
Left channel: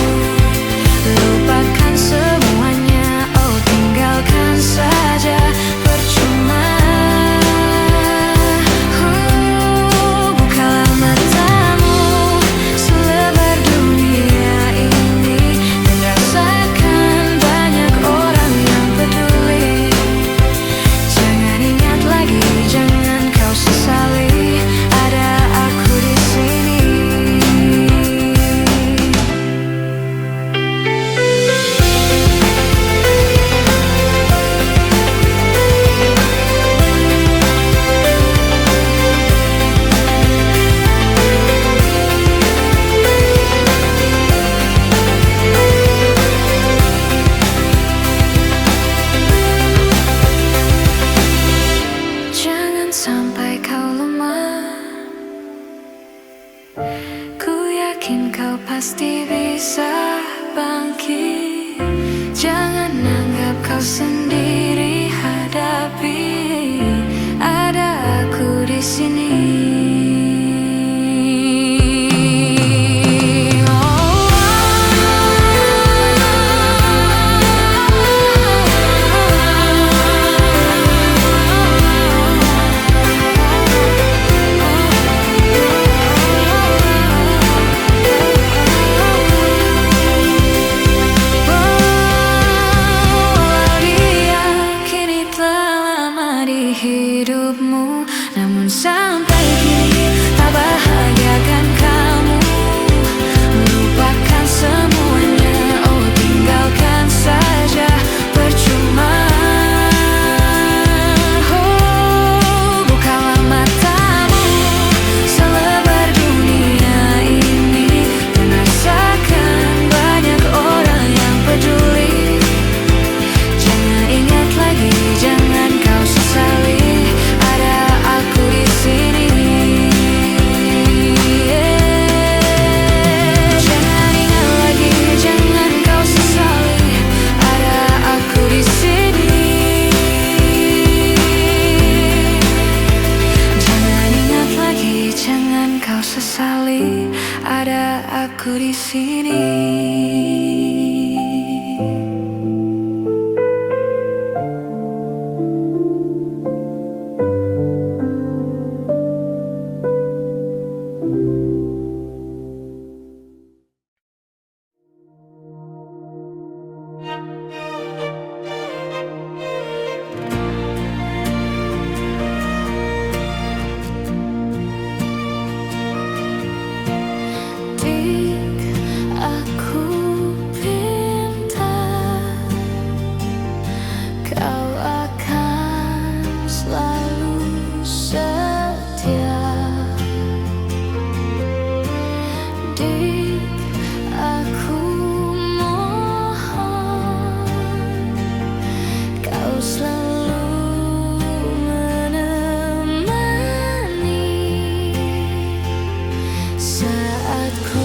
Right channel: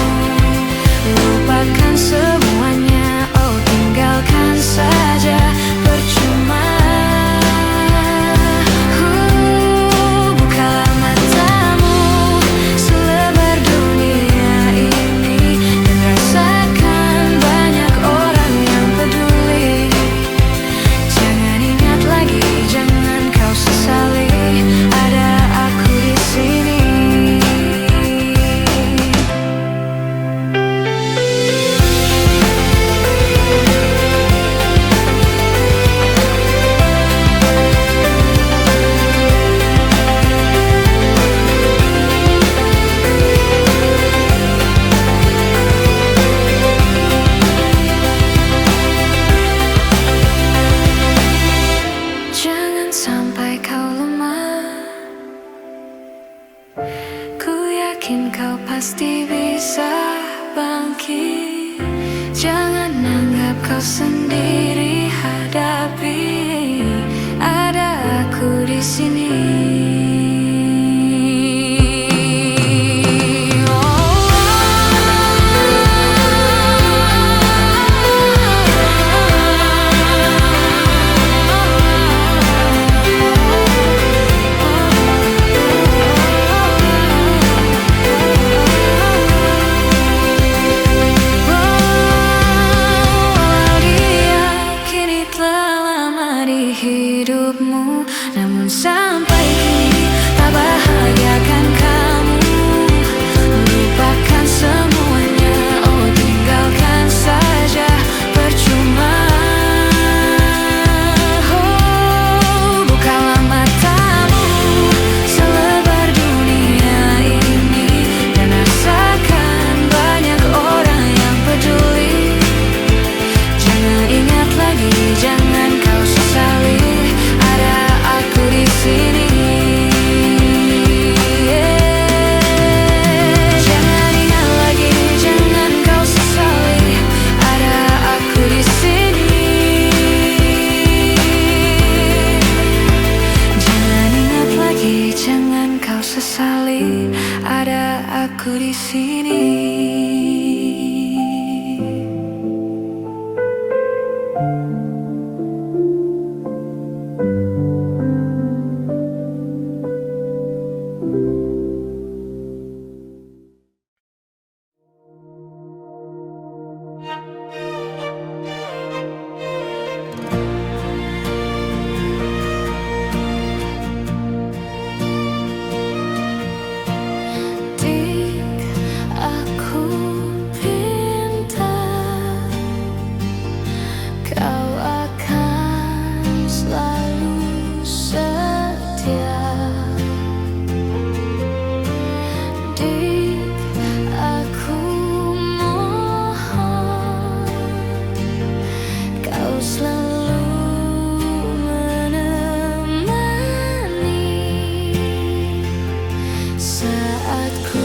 Lupakan semuanya, oh tinggalkan saja, percuma. Bukalah matamu, selebar dunia bisa bangkit. Jangan anggap kau sendiri, hadapi. Ada aku di sini. Hidupmu, namun sampai kini tak bahagiakan kamu. Lupakan semuanya, oh tinggalkan saja, percuma. Oh, bukalah matamu, selebar dunia ini, dan rasakan banyak orang yang peduli. Jangan ingat lagi, jangan kau sesali. Ada aku di sini. Jangan ingat lagi, jangan kau sesali. Ada aku di sini. Jangan ingat lagi, jangan kau sesali. Ada aku di sini. Aku pinta kau akan selalu setia. Dik, aku mohon kau selalu menemani saat ku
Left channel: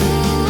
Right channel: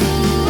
ku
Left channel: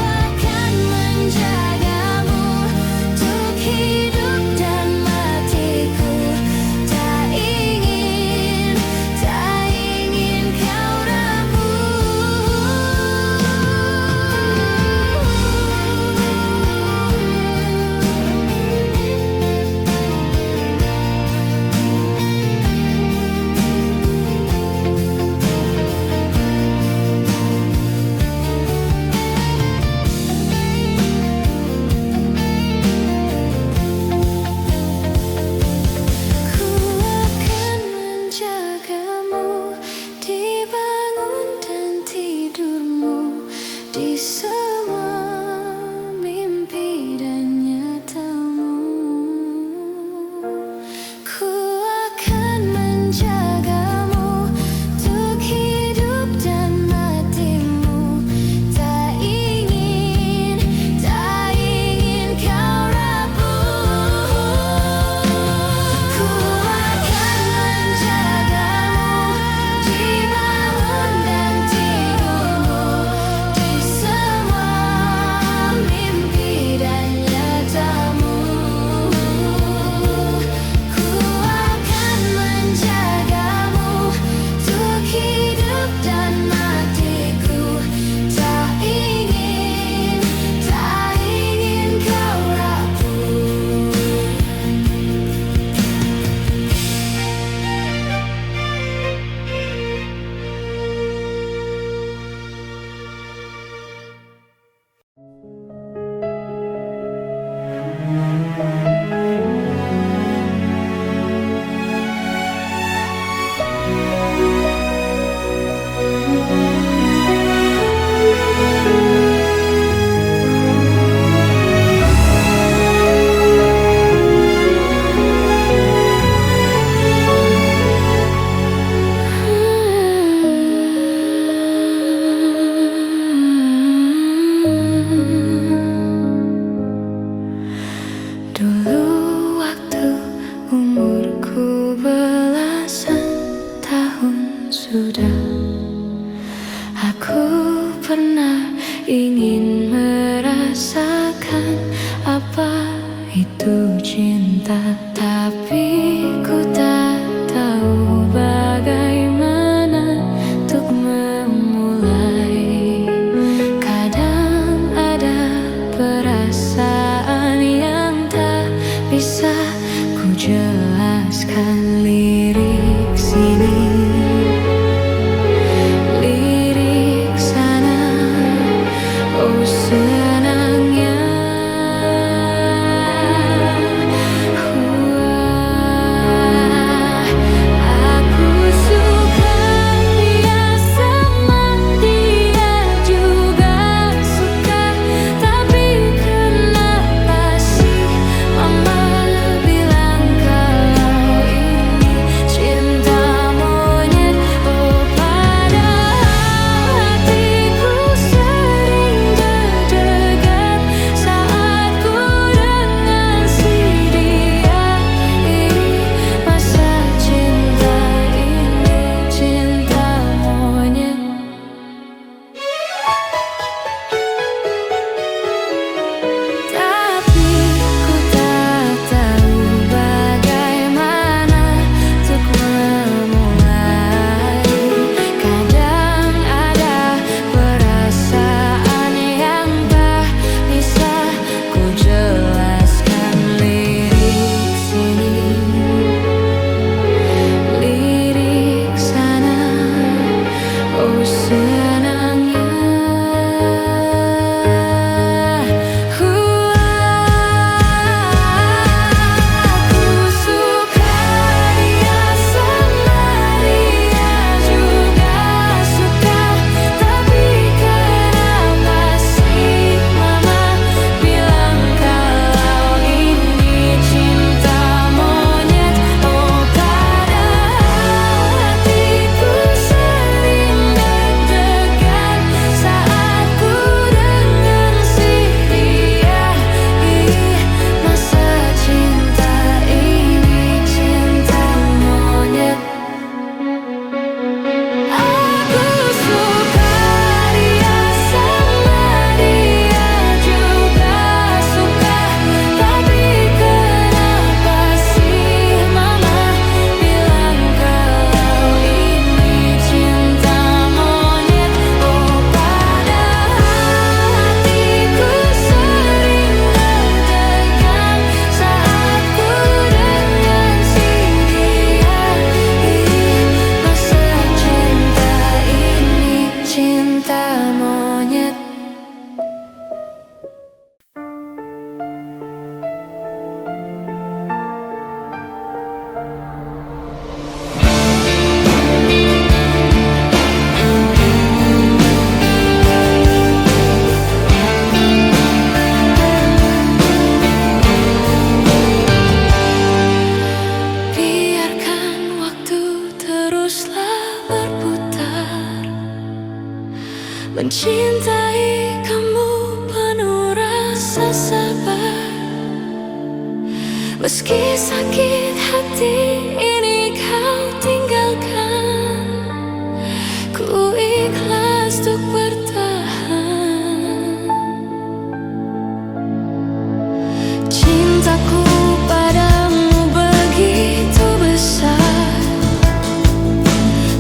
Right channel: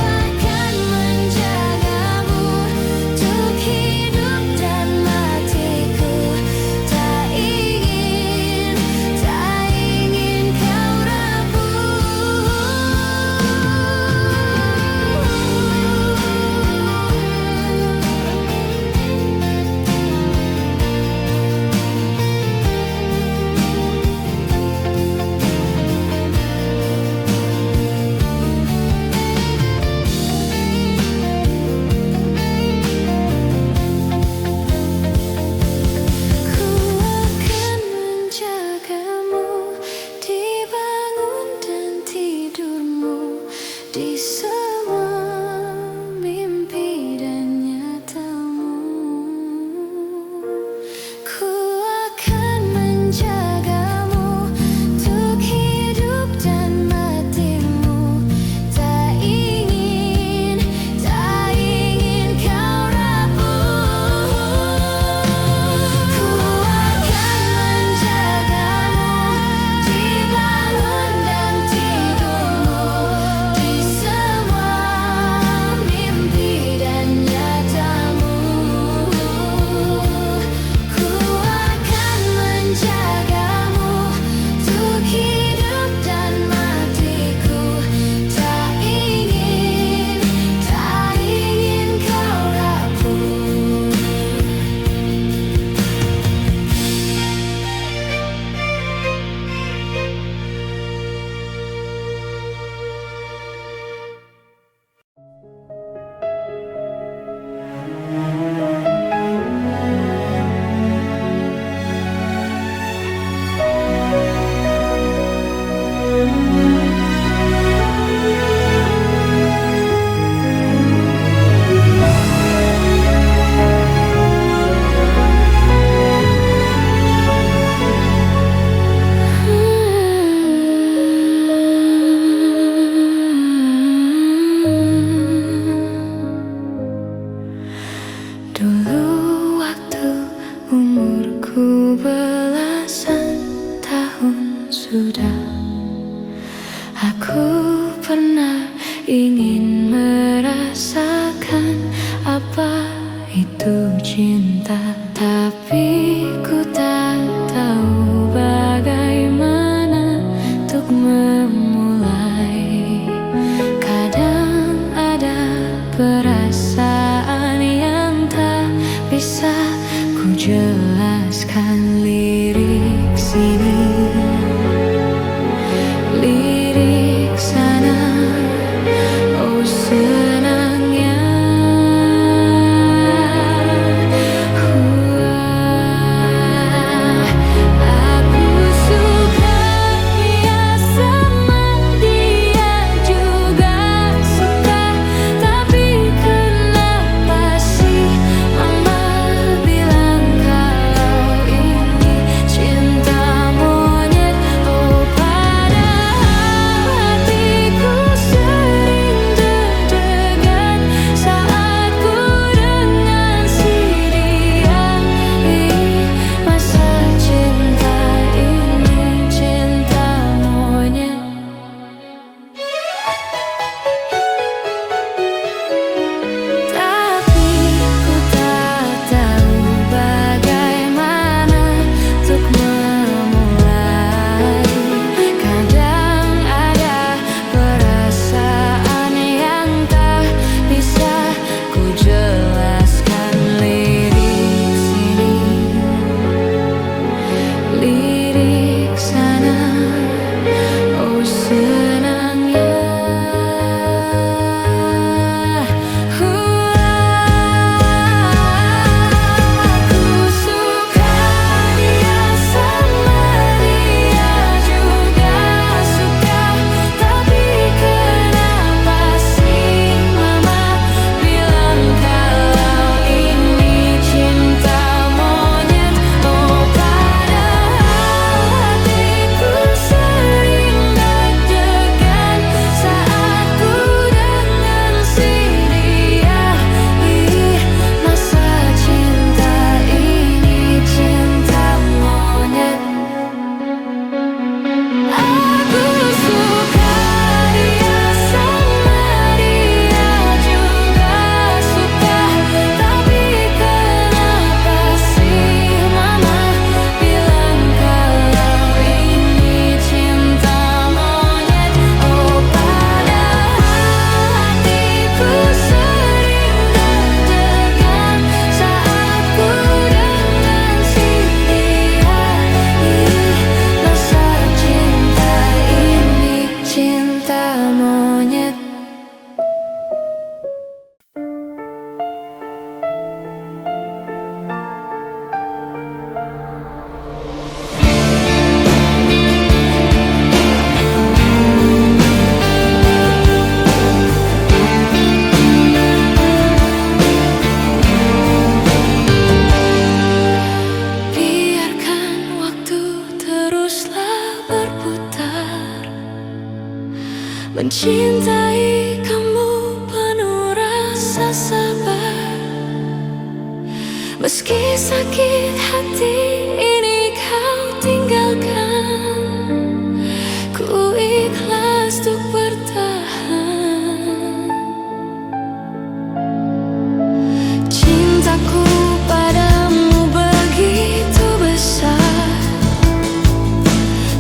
ingin merasakan apa itu cinta, tapi ku tak tahu bagaimana untuk memulai. Kadang ada perasaan yang tak bisa ku jelaskan. Lirik sini, lirik sana, oh senangnya. Aku suka dia sama dia juga suka, tapi kenapa sih mama bilang kalau ini cinta monyet? Oh padahal hatiku sering deg-degan saat ku dengan si dia. Masa cinta ini cinta monyet? Tapi ku tak tahu bagaimana untuk memulai. Kadang ada perasaan yang tak bisa ku jelaskan. Lirik sini, lirik sana, oh senangnya. Aku suka dia sama dia juga suka, tapi kenapa sih mama bilang kalau ini cinta monyet? Oh padahal hatiku sering deg-degan saat ku dengan si dia. Masa cinta ini cinta monyet? Aku suka dia sama dia juga suka, tapi kenapa sih mama bilang kalau ini cinta monyet? Oh padahal hatiku sering deg-degan saat ku dengan si dia. Masa cinta ini cinta monyet? Biarkan waktu teruslah berputar, mencintai kamu penuh rasa sabar. Meski sakit hati ini kau tinggalkan, ku ikhlas untuk bertahan. Cintaku padamu begitu besar,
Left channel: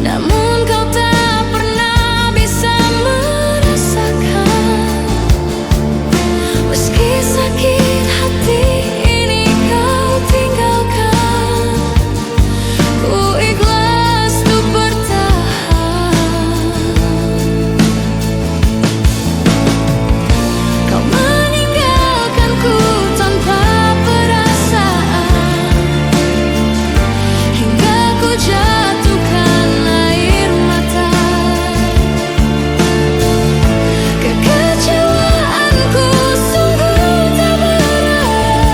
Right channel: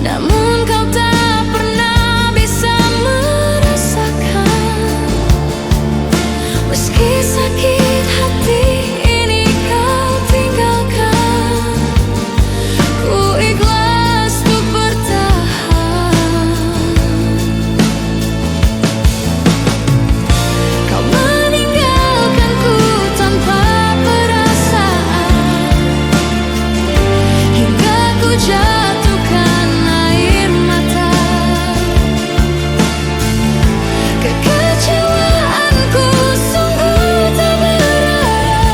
namun kau tak pernah bisa merasakan. Meski sakit hati ini kau tinggalkan, ku ikhlas untuk bertahan. Kau meninggalkanku tanpa perasaan, hingga ku jatuhkan air mata. Kekecewaanku sungguh tak berarti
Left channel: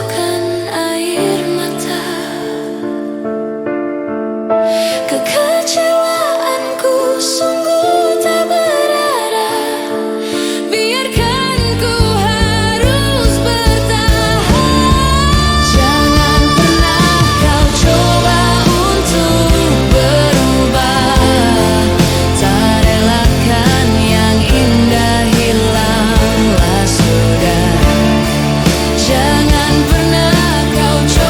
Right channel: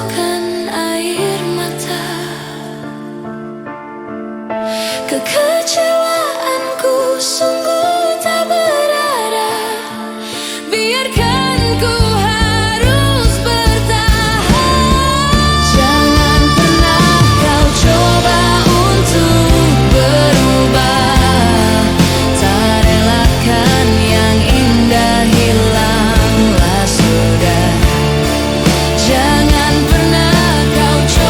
menjatuhkan air mata. Kekecewaanku sungguh tak berarti. Biarkan ku harus bertahan. Jangan pernah kau coba untuk berubah. Tak relakan yang indah hilanglah sudah. Jangan pernah kau coba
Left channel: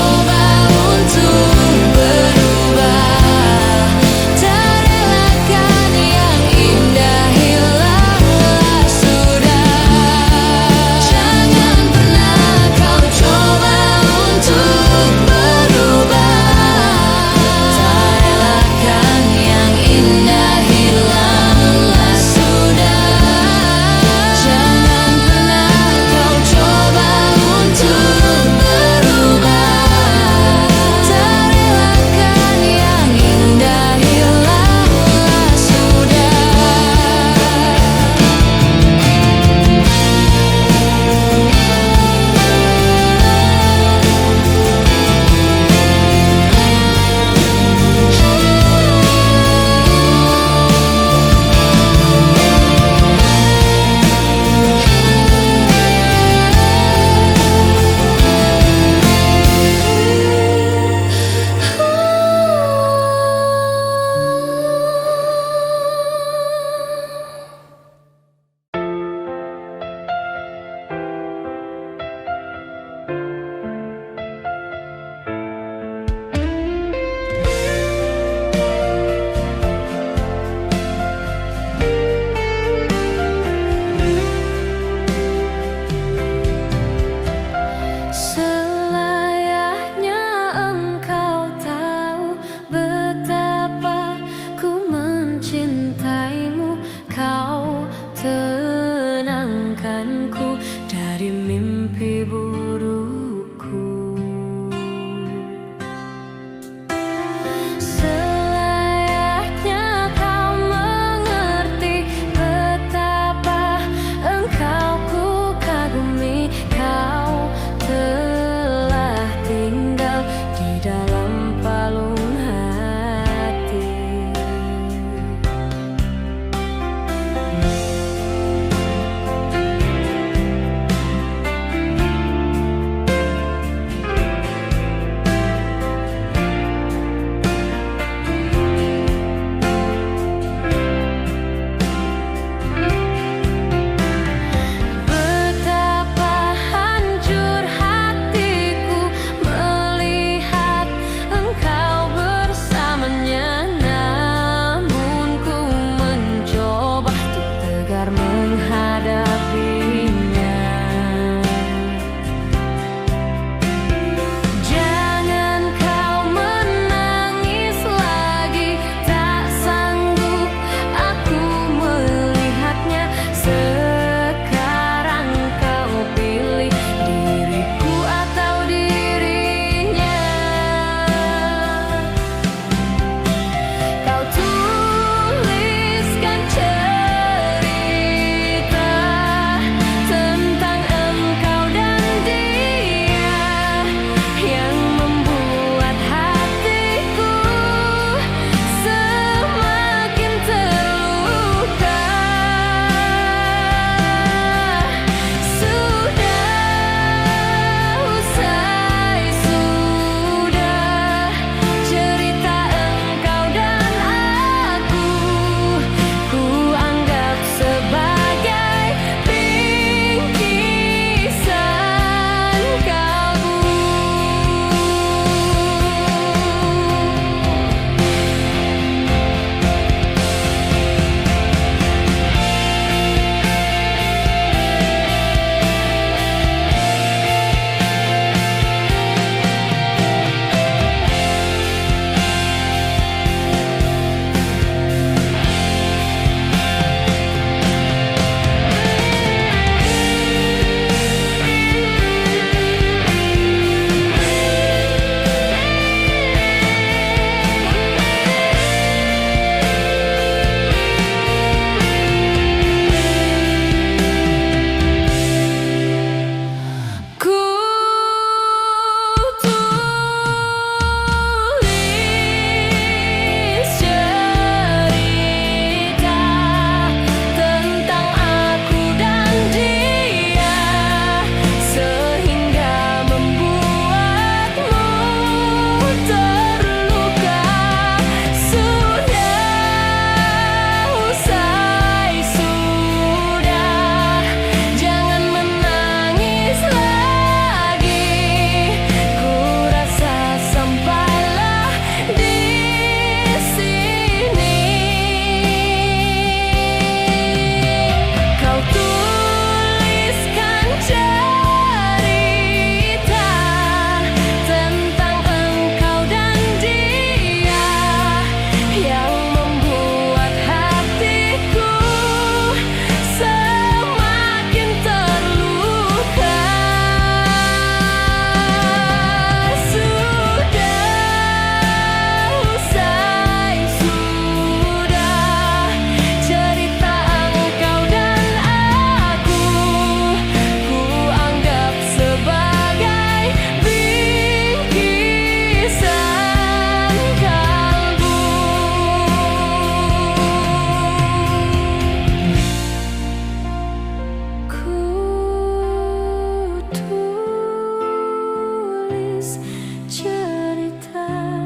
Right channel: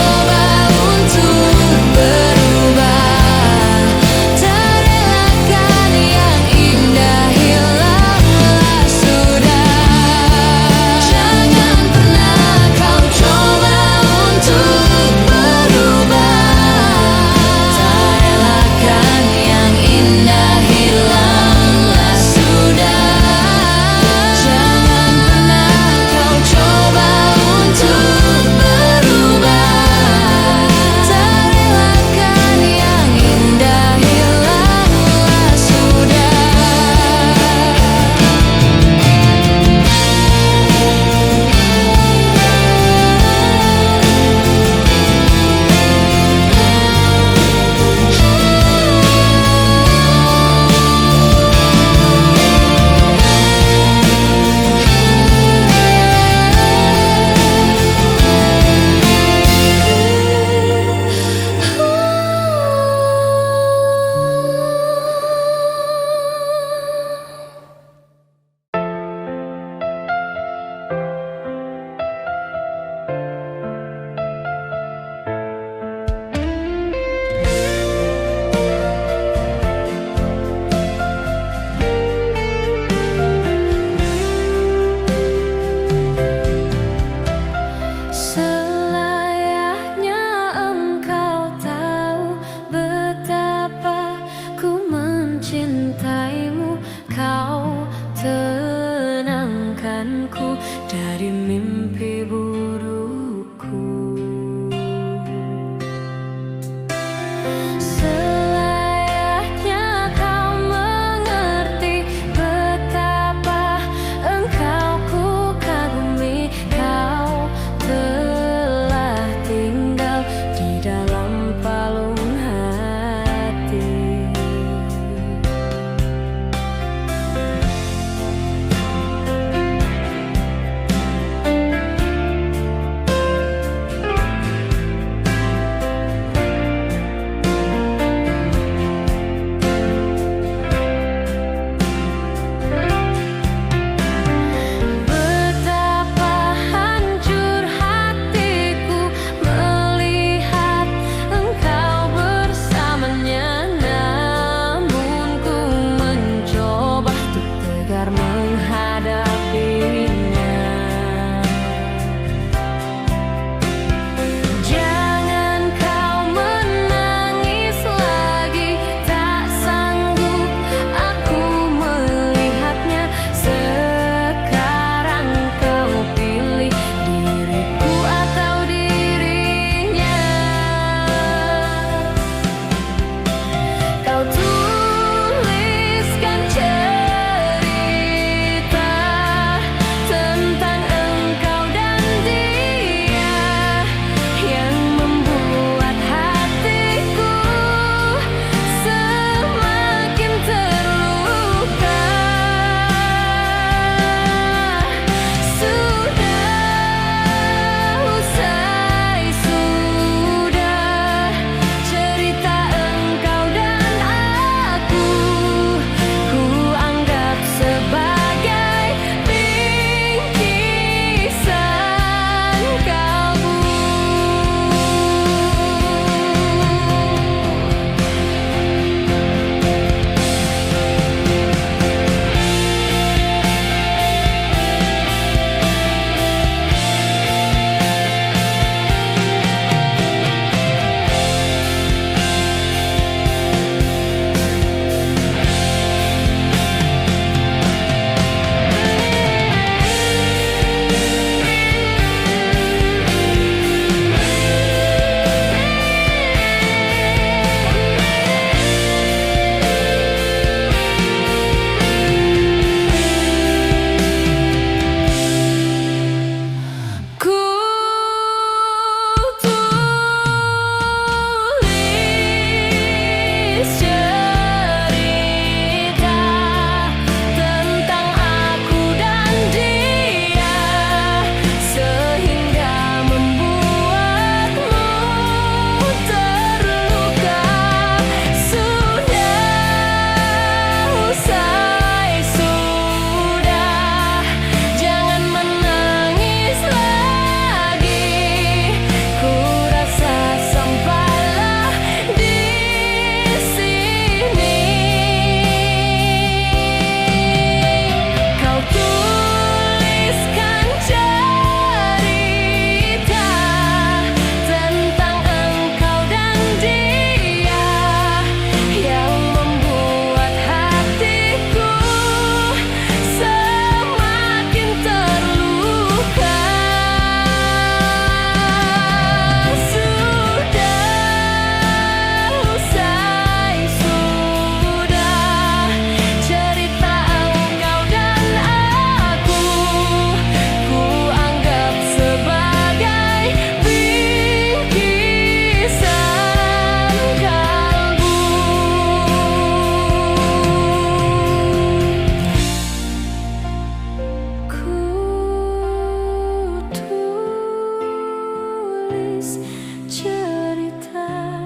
menulis cerita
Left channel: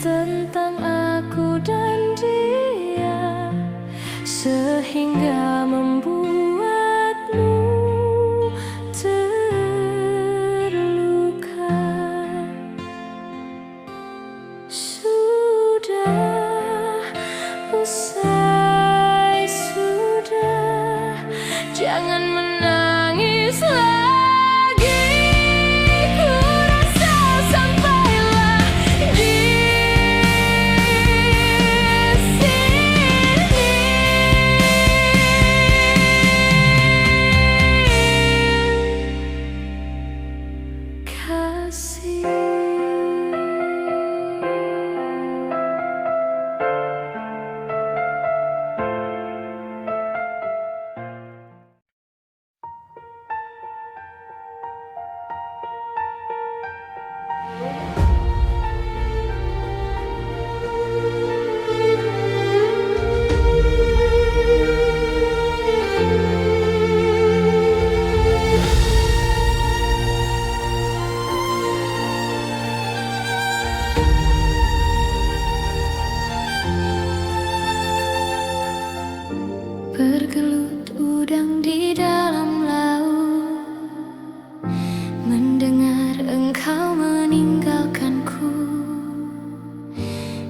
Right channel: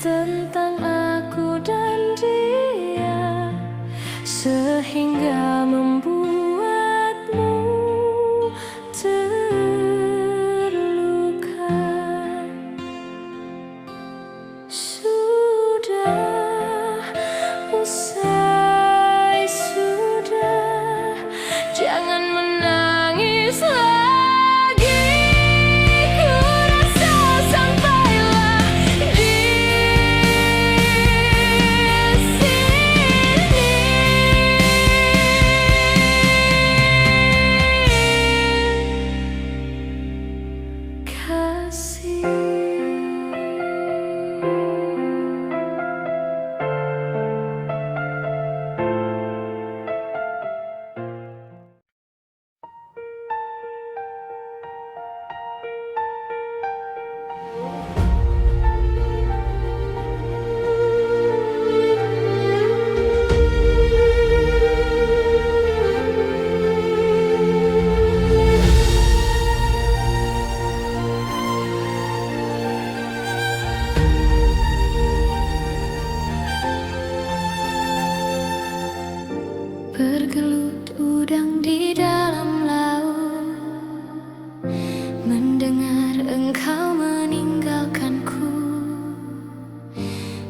tentang aku dan dia, sehingga membuatmu terluka. Sudah usai, sudah, jangan menangis lagi. Ku rasa sampailah di sini. Kasih. Bergelut udang di dalam laut, mendengar engkau meninggalkanku.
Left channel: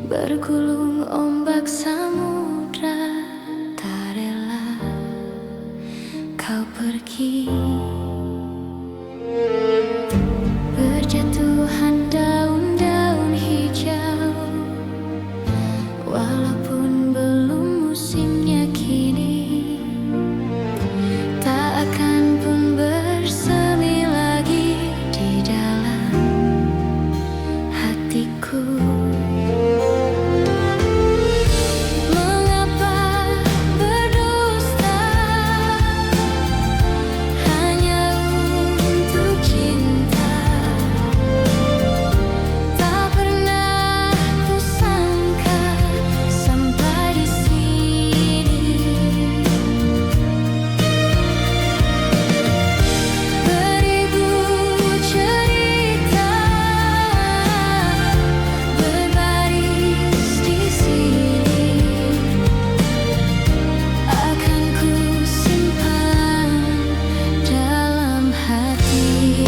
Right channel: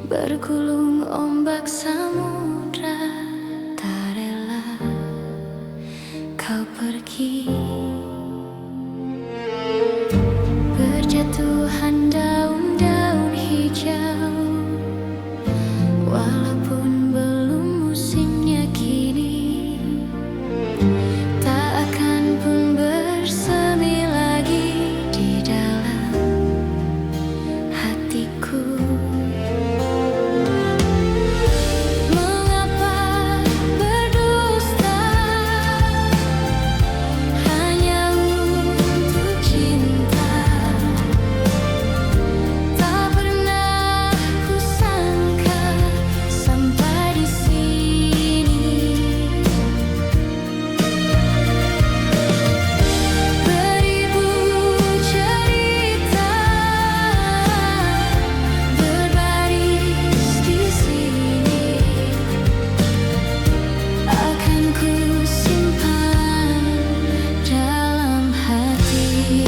Bergulung ombak samudra, tak rela kau pergi. Berjatuhan daun-daun hijau, walaupun belum musimnya kini, tak akan pun bersemi lagi di dalam hatiku. Mengapa berdusta hanya untuk cinta? Tak pernah kusangka sampai di sini. Beribu cerita berbaris di sini, akan ku simpan dalam hati.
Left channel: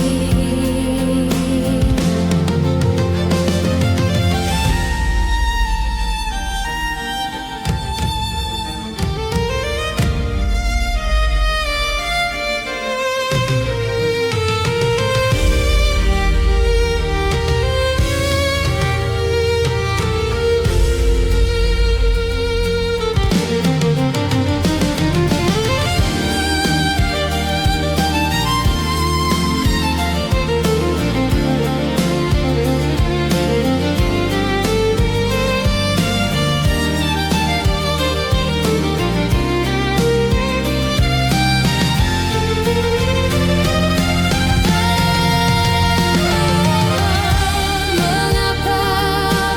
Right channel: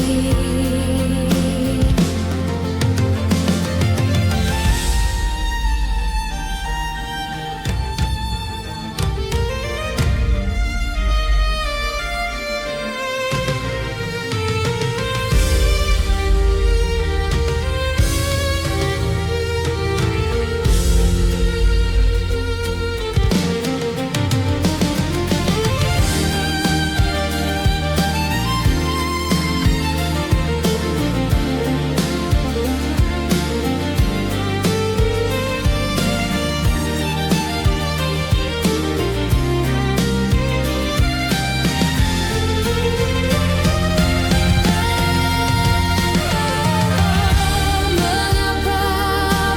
Mengapa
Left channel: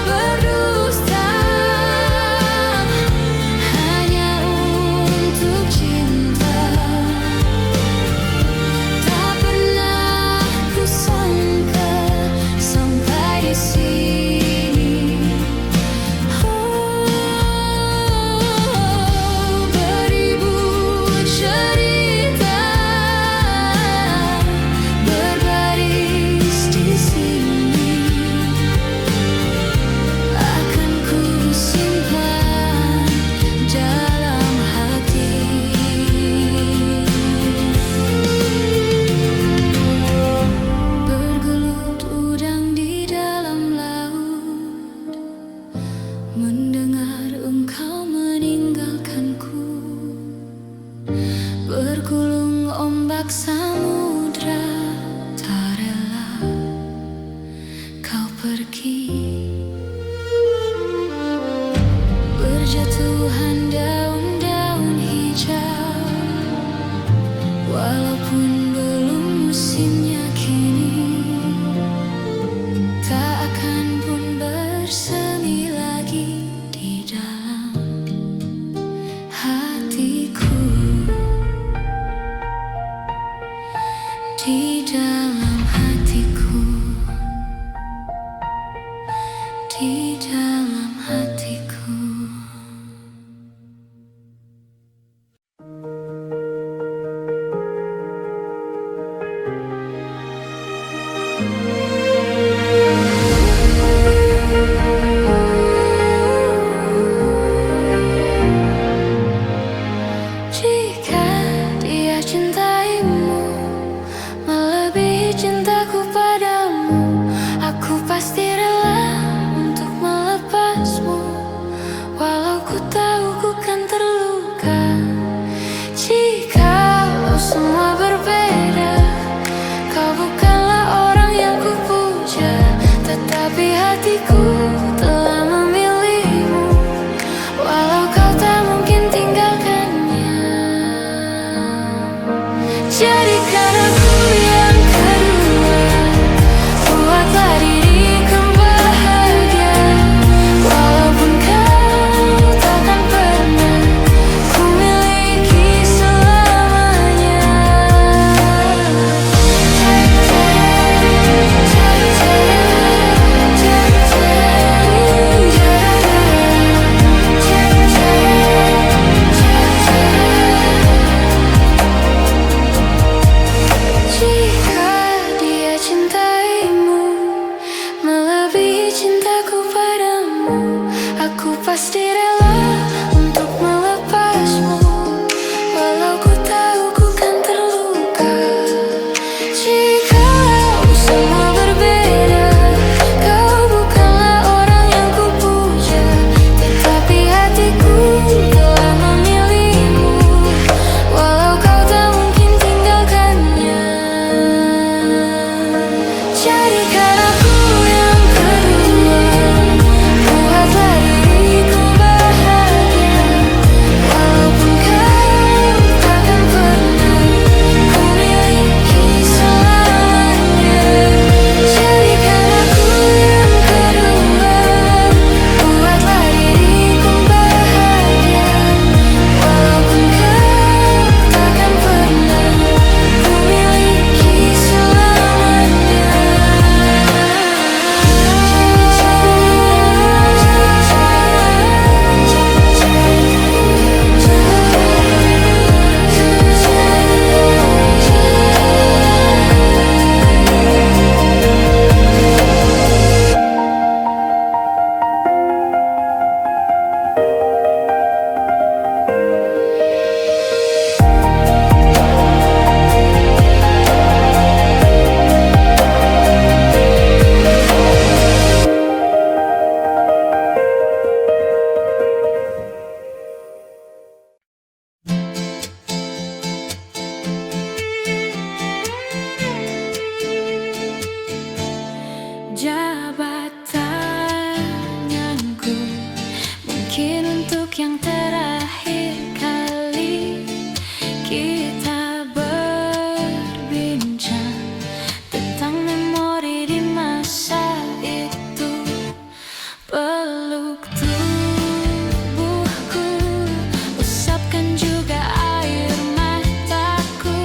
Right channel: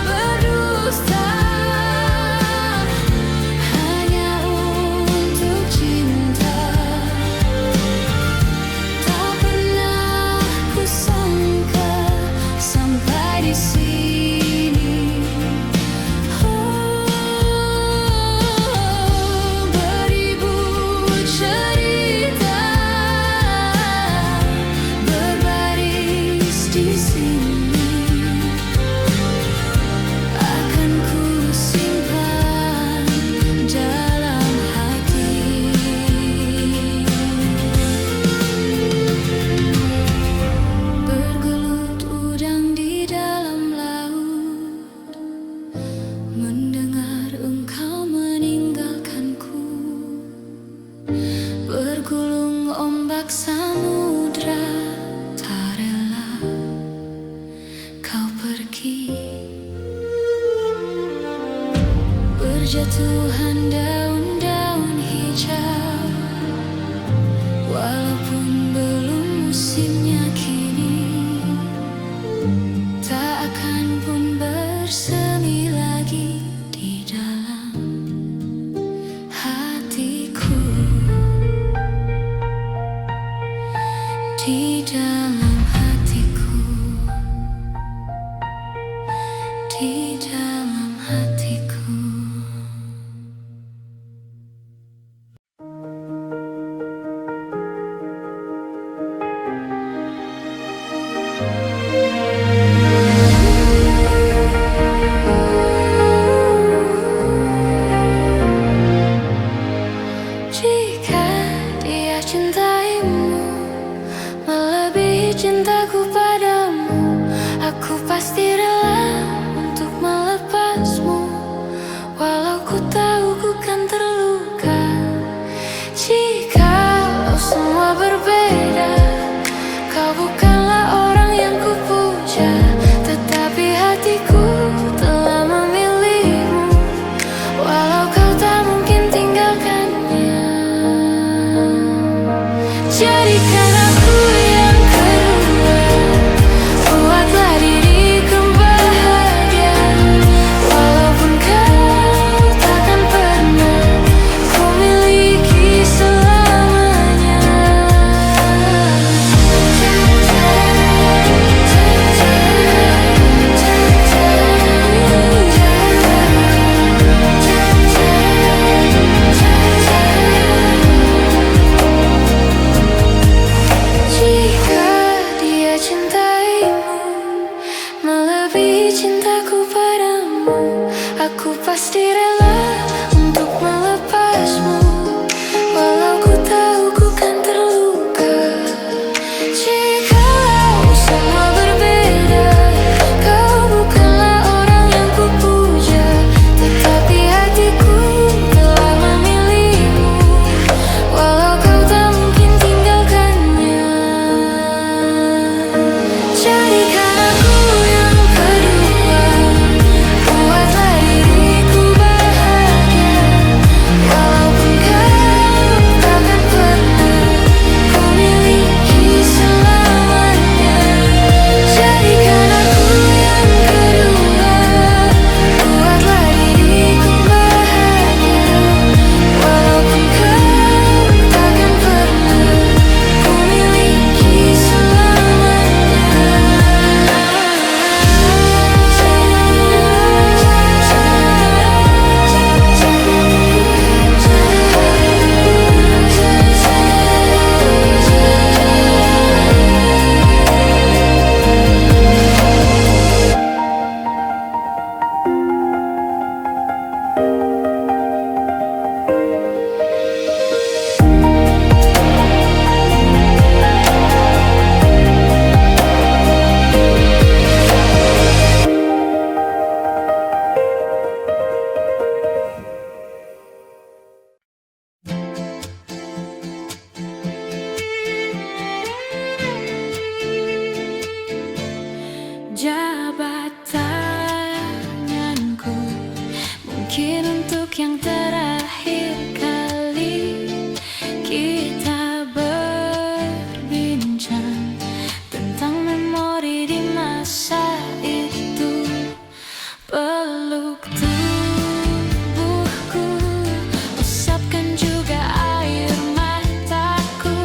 berdusta hanya untuk cinta? Tak pernah kusangka sampai di sini. Beribu cerita berbaris di sini, akan ku simpan dalam hati. Bergelut udang di dalam laut, mendengar engkau meninggalkanku. Bergulung ombak samudra, tak rela kau pergi. Berjatuhan daun-daun hijau, walaupun belum musimnya kini, tak akan pun bersemi lagi di dalam hatiku. Di dalam hatiku. akan terluka. Jikalau semua berbeda, kau bukanlah orang yang kupuja, tetapi hatiku telah memilihmu, walau kau tak mungkin tinggalkannya. Jadikan aku yang kedua, buatlah diriku bahagia, walaupun kau takkan pernah ku miliki selamanya. Jika dia cintaimu melebihi cintaku padamu, aku pasti rela untuk melepasmu, walau ku tahu ku kan terluka. Jikalau semua berbeda, kau bukanlah orang yang kupuja, tetapi hatiku telah memilihmu, walau kau tak mungkin tinggalkannya. Jadikan aku yang kedua, buatlah diriku bahagia, walaupun kau takkan pernah ku miliki selamanya. Jadikan aku yang kedua, buatlah diriku bahagia, walaupun kau takkan pernah ku miliki selamanya. Jabat tanganku, mungkin untuk yang terakhir kali kita berbincang tentang memori di masa itu. Peluk tubuhku, usapkan juga air mataku.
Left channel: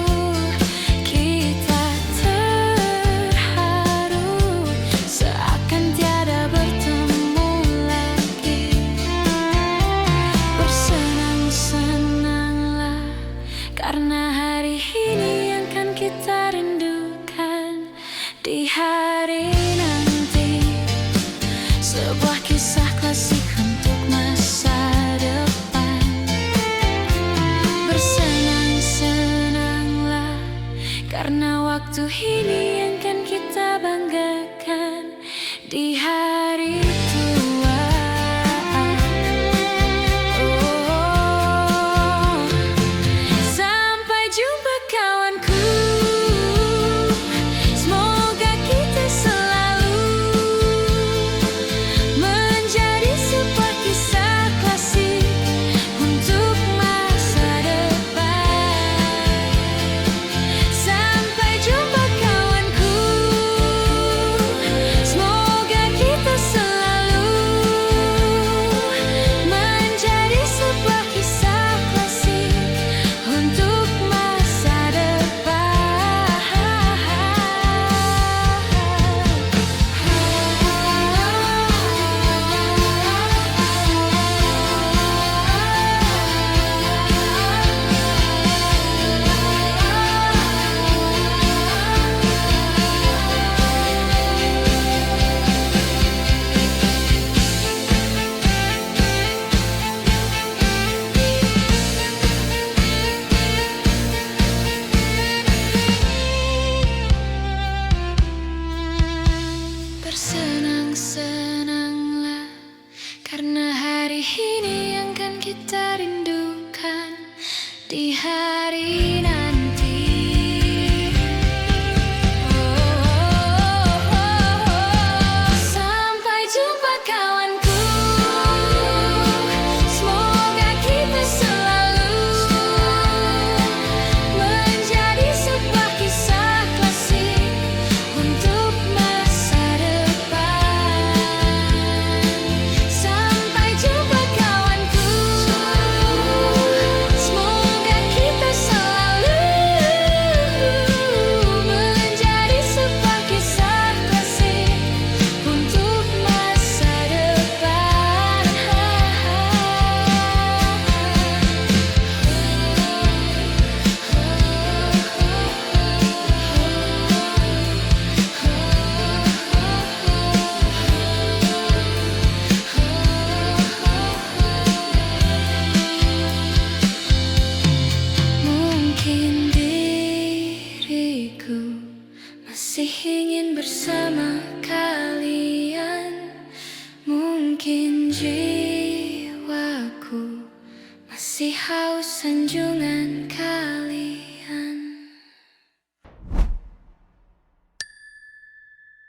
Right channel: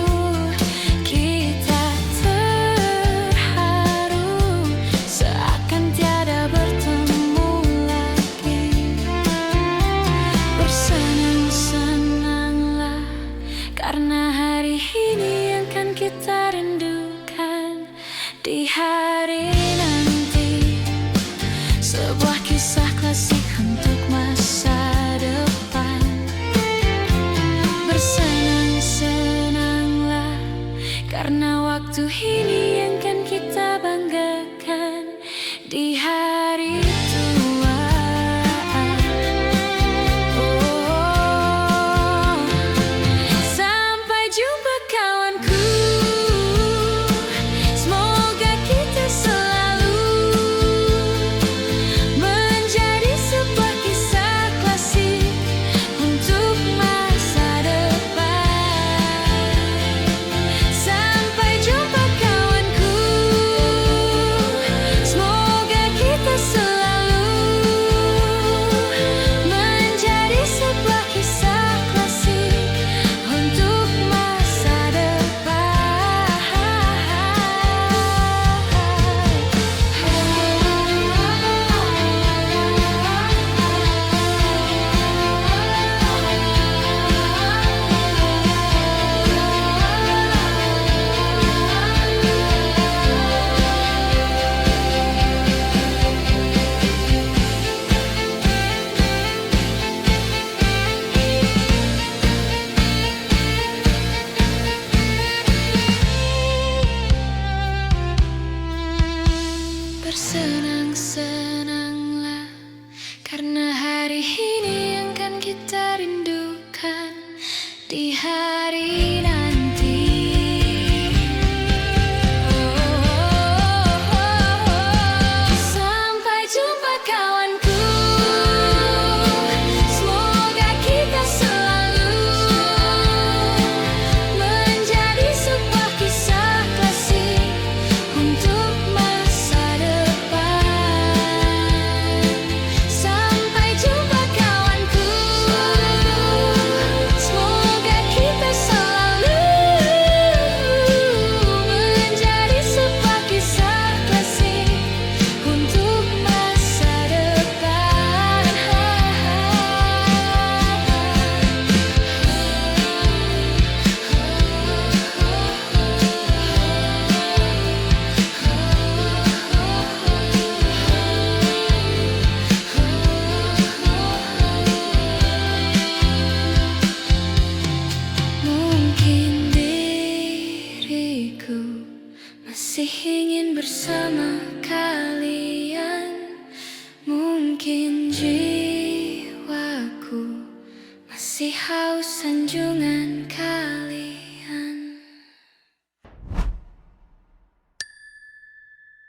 Kita terharu seakan tiada bertemu lagi. Bersenang-senanglah karena hari ini yang kan kita rindukan di hari nanti. Sebuah kisah klasik untuk masa depan. Bersenang-senanglah karena waktu ini yang kan kita banggakan di hari tua. Oh, sampai jumpa kawanku, semoga kita selalu menjadi sebuah kisah klasik untuk masa depan. Sampai jumpa kawanku, semoga kita selalu menjadi sebuah kisah klasik untuk masa depan. Bersenang-senanglah karena hari ini yang kan kita rindu. kalian. Mungkin jiwaku masih haus sanjungan kalian.